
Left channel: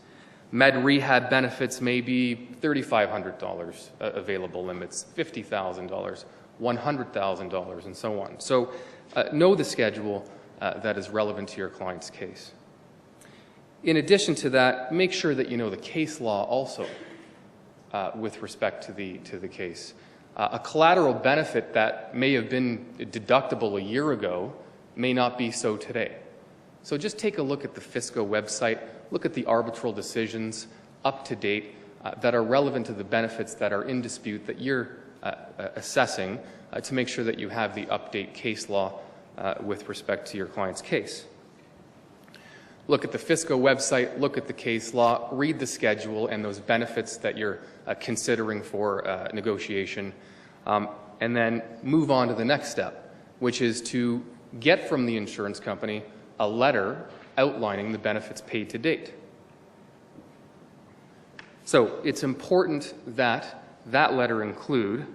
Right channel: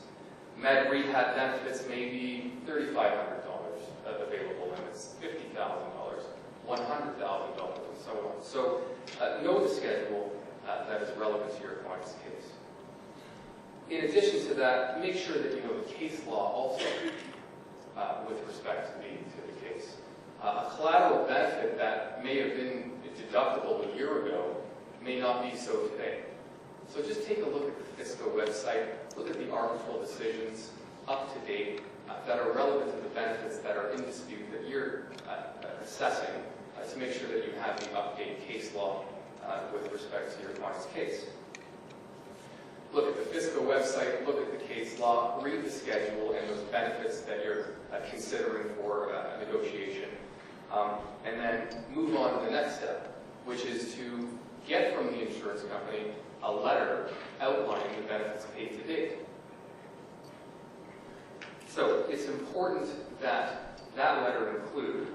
Med rehab benefits may be $3,500 available limits, $50,000, $100,000, and so on. So know the schedule that is relevant to your client's case. In addition to that, make sure that you know the case law also with respect to the case. A collateral benefit that may have been deductible a year ago may not be so today. So just take a look at the FSCO website, look at the arbitral decisions up to date that are relevant to the benefits that are in dispute that you're assessing to make sure that you have the update case law with respect to your client's case. Look at the FSCO website, look at the case law, read the schedule and those benefits that you're considering for negotiation, and then move on to the next step, which is to get from the insurance company a letter outlining the benefits paid to date. So it's important that that letter include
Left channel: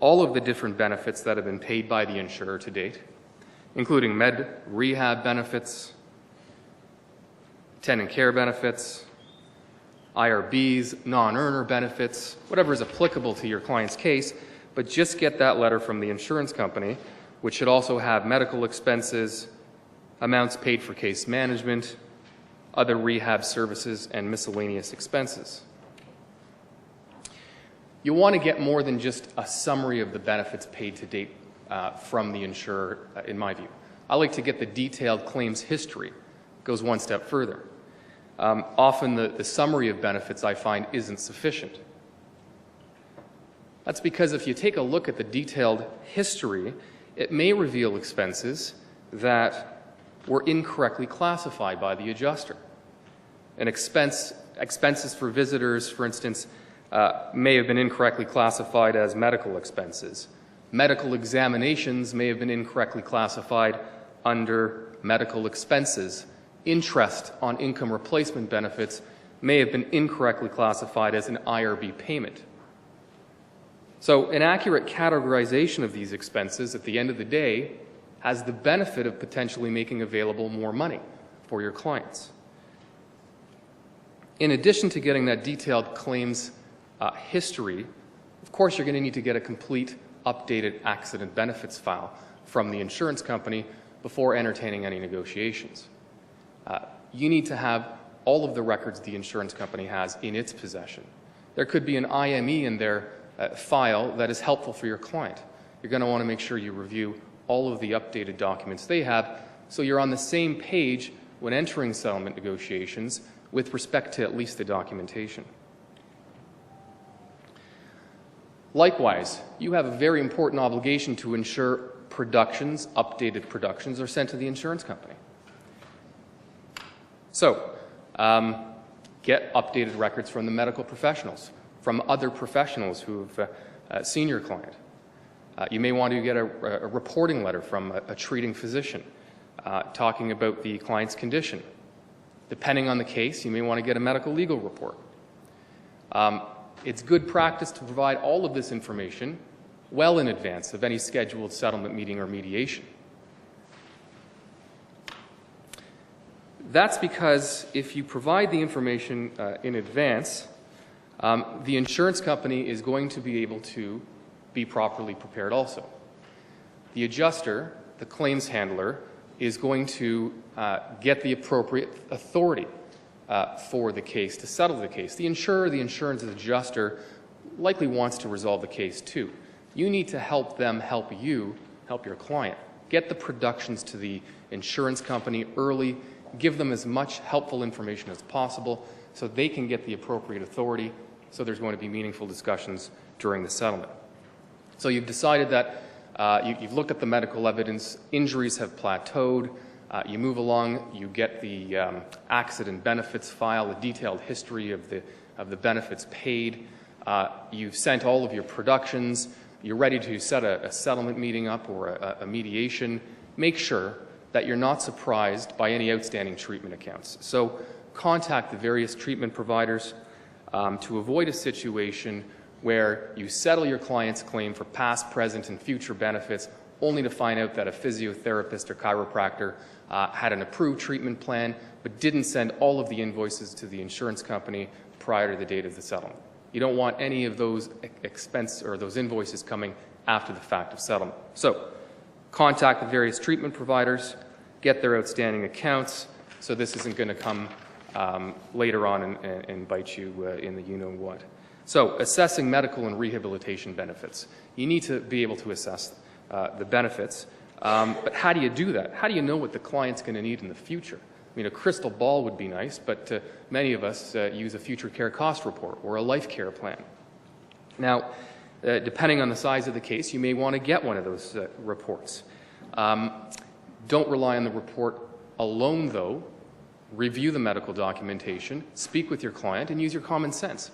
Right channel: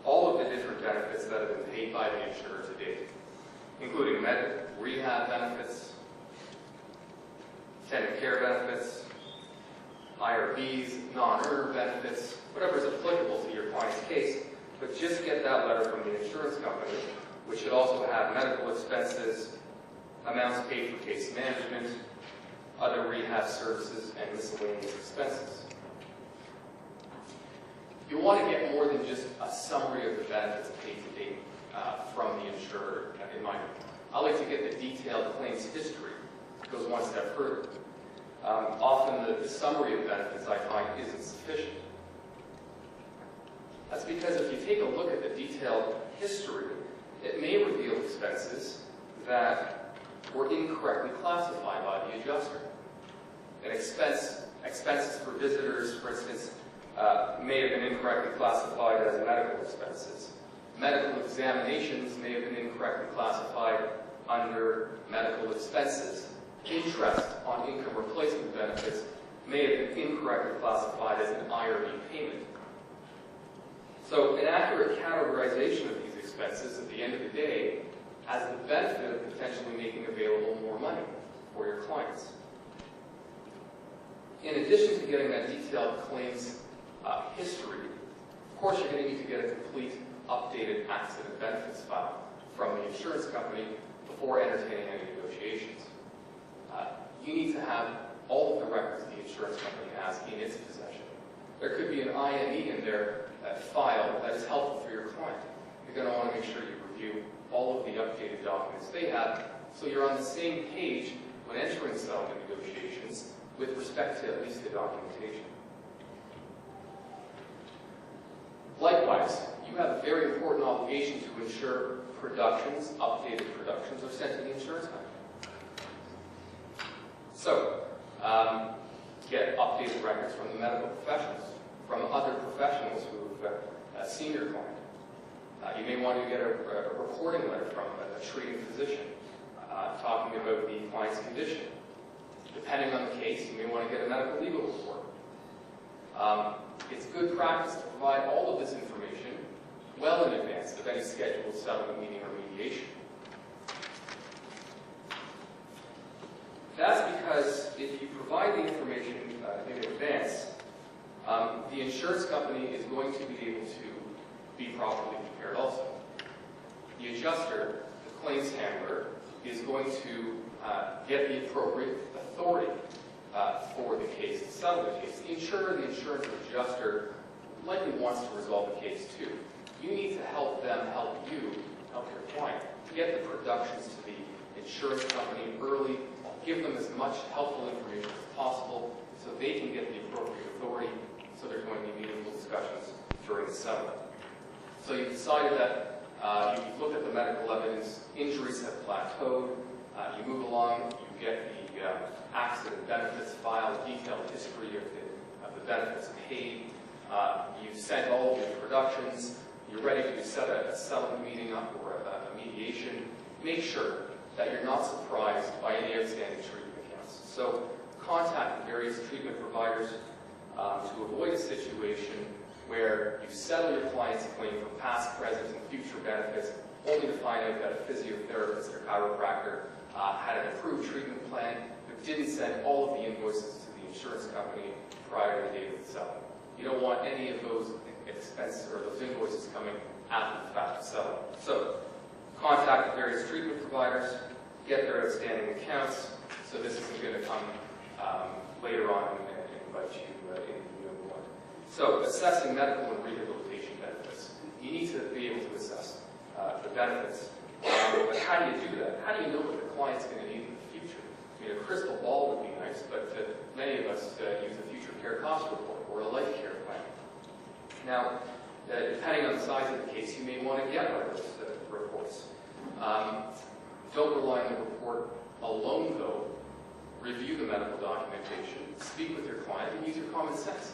all of the different benefits that have been paid by the insurer to date, including med rehab benefits, attendant care benefits, IRBs, non-earner benefits, whatever is applicable to your client's case, but just get that letter from the insurance company, which should also have medical expenses, amounts paid for case management, other rehab services, and miscellaneous expenses. You want to get more than just a summary of the benefits paid to date from the insurer, in my view. I like to get the detailed claims history. It goes one step further. Often the summary of benefits, I find, isn't sufficient. That's because if you take a look at the detailed history, it may reveal expenses that were incorrectly classified by the adjuster. Expenses for visitors, for instance, may have been incorrectly classified as medical expenses. Medical examinations may have been incorrectly classified under medical expenses. Interest on income replacement benefits may have been incorrectly classified as an IRB payment. So an accurate categorization of these expenses at the end of the day has the benefit of potentially making available more money for your clients. In addition to getting that detailed claims history, of course you're going to need to get a complete updated accident benefits file from the insurance company before entertaining any negotiations. You need to have all of the records the insurance company has in its possession. There could be an IME in their file that is helpful for your client. You're going to want to make sure you review all of the updated documents they have so you're on the same page when entering settlement negotiations with respect to at least the documentation. Likewise, you have a very important obligation to ensure updated productions, are sent to the insurance company. So, get updated records from the medical professionals, from other professionals who've seen your client. You may want to get a reporting letter from a treating physician talking about the client's condition. Depending on the case, you may want to get a medical legal report. It's good practice to provide all of this information well in advance of any scheduled settlement meeting or mediation. That's because if you provide the information in advance, the insurance company is going to be able to be properly prepared also. The adjuster, the claims handler, is going to get the appropriate authority for the case, to settle the case. The insurer, the insurance adjuster, likely wants to resolve the case too. You need to help them help you, help your client. Get the productions to the insurance company early, give them as much helpful information as possible so they can get the appropriate authority, so there's going to be meaningful discussions during the settlement. So you've decided that you've looked at the medical evidence, injuries have plateaued, you move along, you get the accident benefits file, a detailed history of the benefits paid, you've sent all of your productions, you're ready to set a settlement meeting up or a mediation. Make sure that you're not surprised by any outstanding treatment accounts. So contact the various treatment providers to avoid a situation where you settle your client's claim for past, present, and future benefits only to find out that a physiotherapist or chiropractor had an approved treatment plan, but didn't send all of the invoices to the insurance company prior to the date of the settlement. You don't want any of those expenses or those invoices coming after the fact of settlement. So contact the various treatment providers, get their outstanding accounts, so this isn't going to come later on and bite you in the you-know-what. So assessing medical and rehabilitation benefits. You need to be able to assess the benefits, but how do you do that? How do you know what the client's going to need in the future? I mean, a crystal ball would be nice, but many of us use a future care cost report or a life care plan. Now, depending on the size of the case, you may want to get one of those reports. Don't rely on the report alone, though. Review the medical documentation, speak with your client, and use your common sense.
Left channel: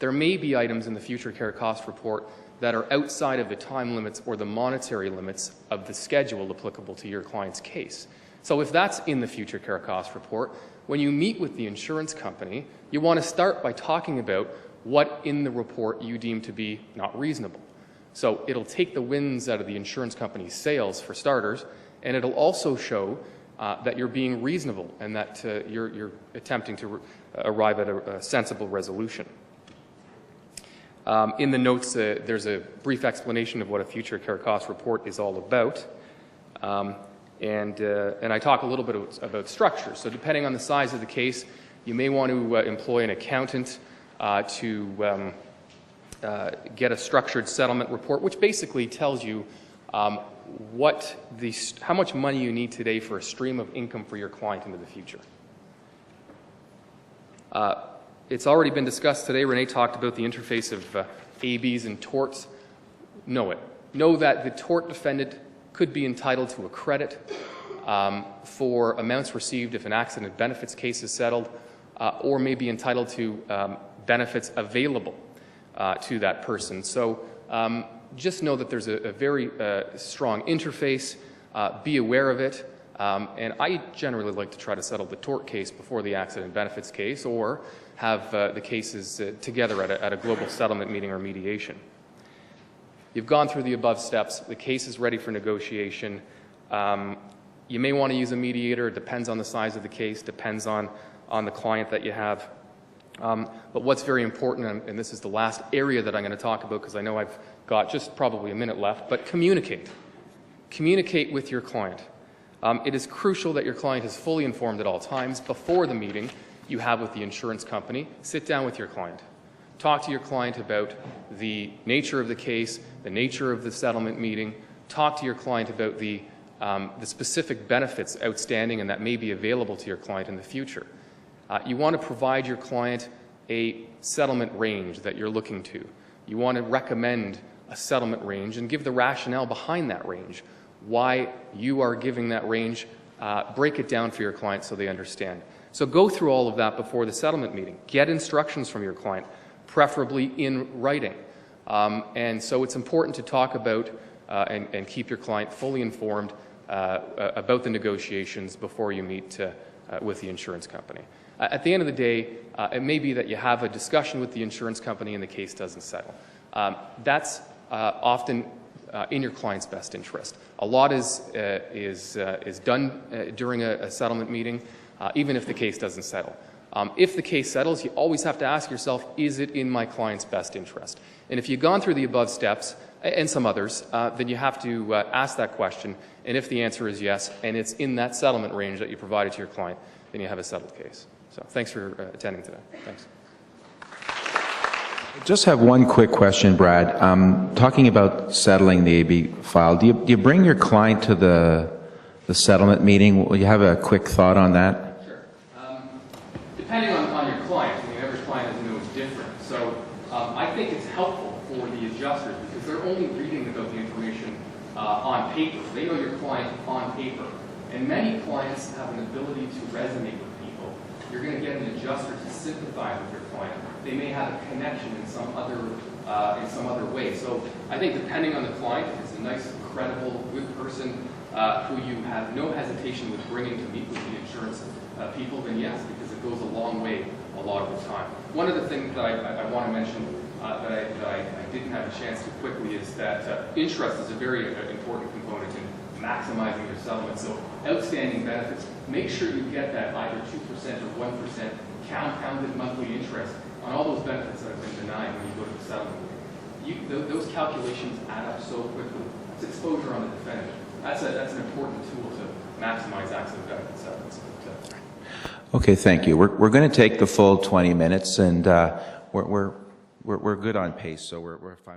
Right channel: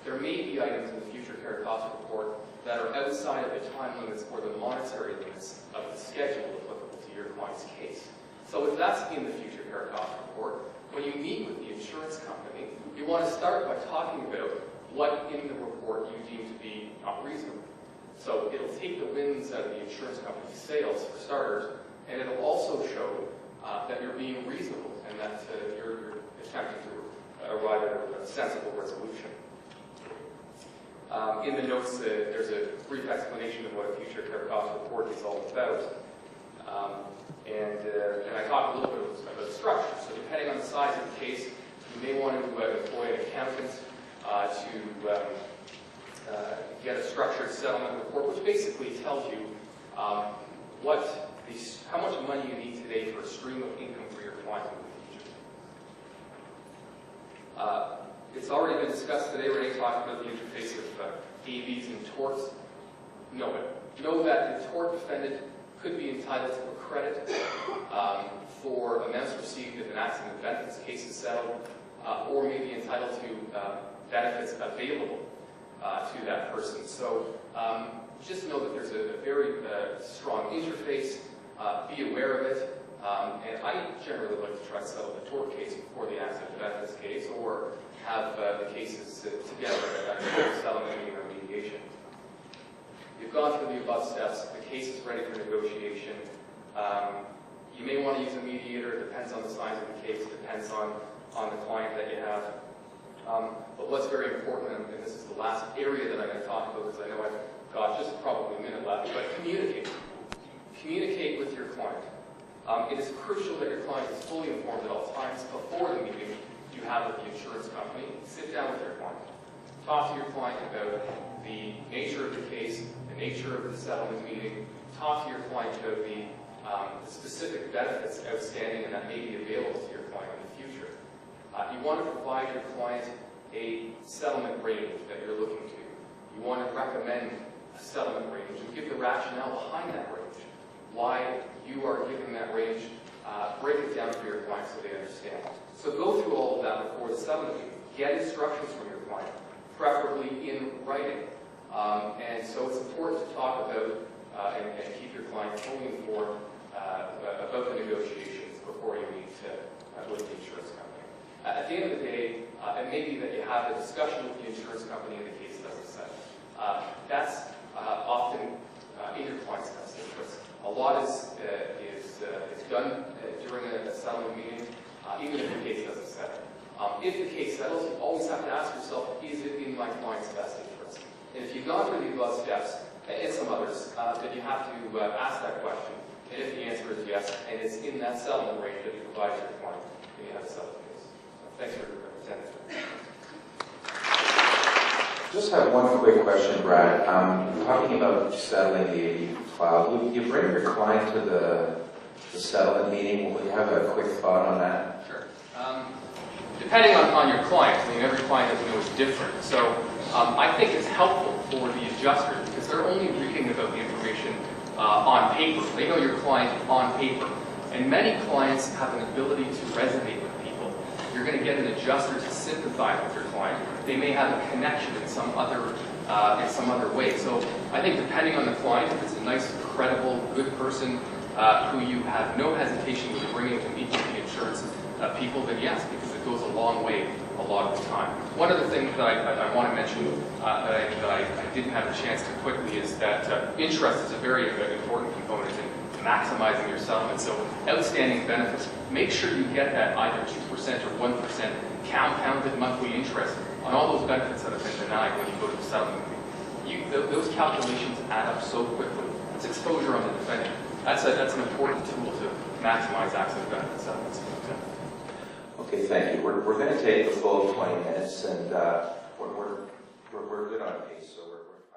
There may be items in the future care cost report that are outside of the time limits or the monetary limits of the schedule applicable to your client's case. So if that's in the future care cost report, when you meet with the insurance company, you want to start by talking about what in the report you deem to be not reasonable. So it'll take the wins out of the insurance company's sales, for starters, and it'll also show that you're being reasonable and that you're attempting to arrive at a sensible resolution. In the notes, there's a brief explanation of what a future care cost report is all about. And I talk a little bit about structure. So depending on the size of the case, you may want to employ an accountant to get a structured settlement report, which basically tells you how much money you need today for a stream of income for your client into the future. It's already been discussed today. Renée talked about the interface of ABs and torts. Know it. Know that the tort defendant could be entitled to a credit for amounts received if an accident benefits case is settled, or may be entitled to benefits available to that person. So just know that there's a very strong interface. Be aware of it. And I generally like to try to settle the tort case before the accident benefits case, or have the cases together at a global settlement meeting or mediation. You've gone through the above steps. The case is ready for negotiation. You may want to use a mediator. It depends on the size of the case, depends on the client that you have. But what's very important, and this is the last area that I'm going to talk about because I know I've got just probably a minute left, but communicate. Communicate with your client. It is crucial that your client is fully informed at all times. Before the meeting you have with the insurance company, sit down with your client. Talk to your client about the nature of the case, the nature of the settlement meeting. Talk to your client about the specific benefits outstanding and that may be available to your client in the future. You want to provide your client a settlement range that you're looking to. You want to recommend a settlement range and give the rationale behind that range. Why you are giving that range, break it down for your client so they understand. So go through all of that before the settlement meeting. Get instructions from your client, preferably in writing. And so it's important to talk about and keep your client fully informed about the negotiations before you meet with the insurance company. At the end of the day, it may be that you have a discussion with the insurance company and the case doesn't settle. That's often in your client's best interest. A lot is done during a settlement meeting, even if the case doesn't settle. If the case settles, you always have to ask yourself, is it in my client's best interest? And if you've gone through the above steps, and some others, then you have to ask that question. And if the answer is yes, and it's in that settlement range that you provided to your client, then you have a settled case. So thanks for attending today. Thanks. Just have one quick question, Brad. Talking about settling the AB file, do you bring your client to the settlement meeting? Will you have a quick thought on that? Sure. Depending on your client, I mean, every client, as you know, is different. So I think it's helpful for the adjuster because they're only reading about the information on paper. They know your client on paper. And many clients have an ability to resonate with people. You're going to get an adjuster to sympathize with your client. They may have a connection in some other way. So I think depending on the client, if it's a nice, credible, good person who you have no hesitation with bringing to meet with the insurance people, then yes, because it goes a long way a lot of the time. One of the things that I want to mention that I didn't have a chance to quickly is that interest is a very important component in maximizing your settlement. So outstanding benefits, make sure you get that either 2% or 1% compounded monthly interest on all those benefits that have been denied when you go to settlement. Those calculations add up so quickly. That's exposure on the defendant. That's an important tool to maximize accident benefit settlements. Okay, thank you. We're going to take the full 20 minutes, and we're good on pace, so we're fine with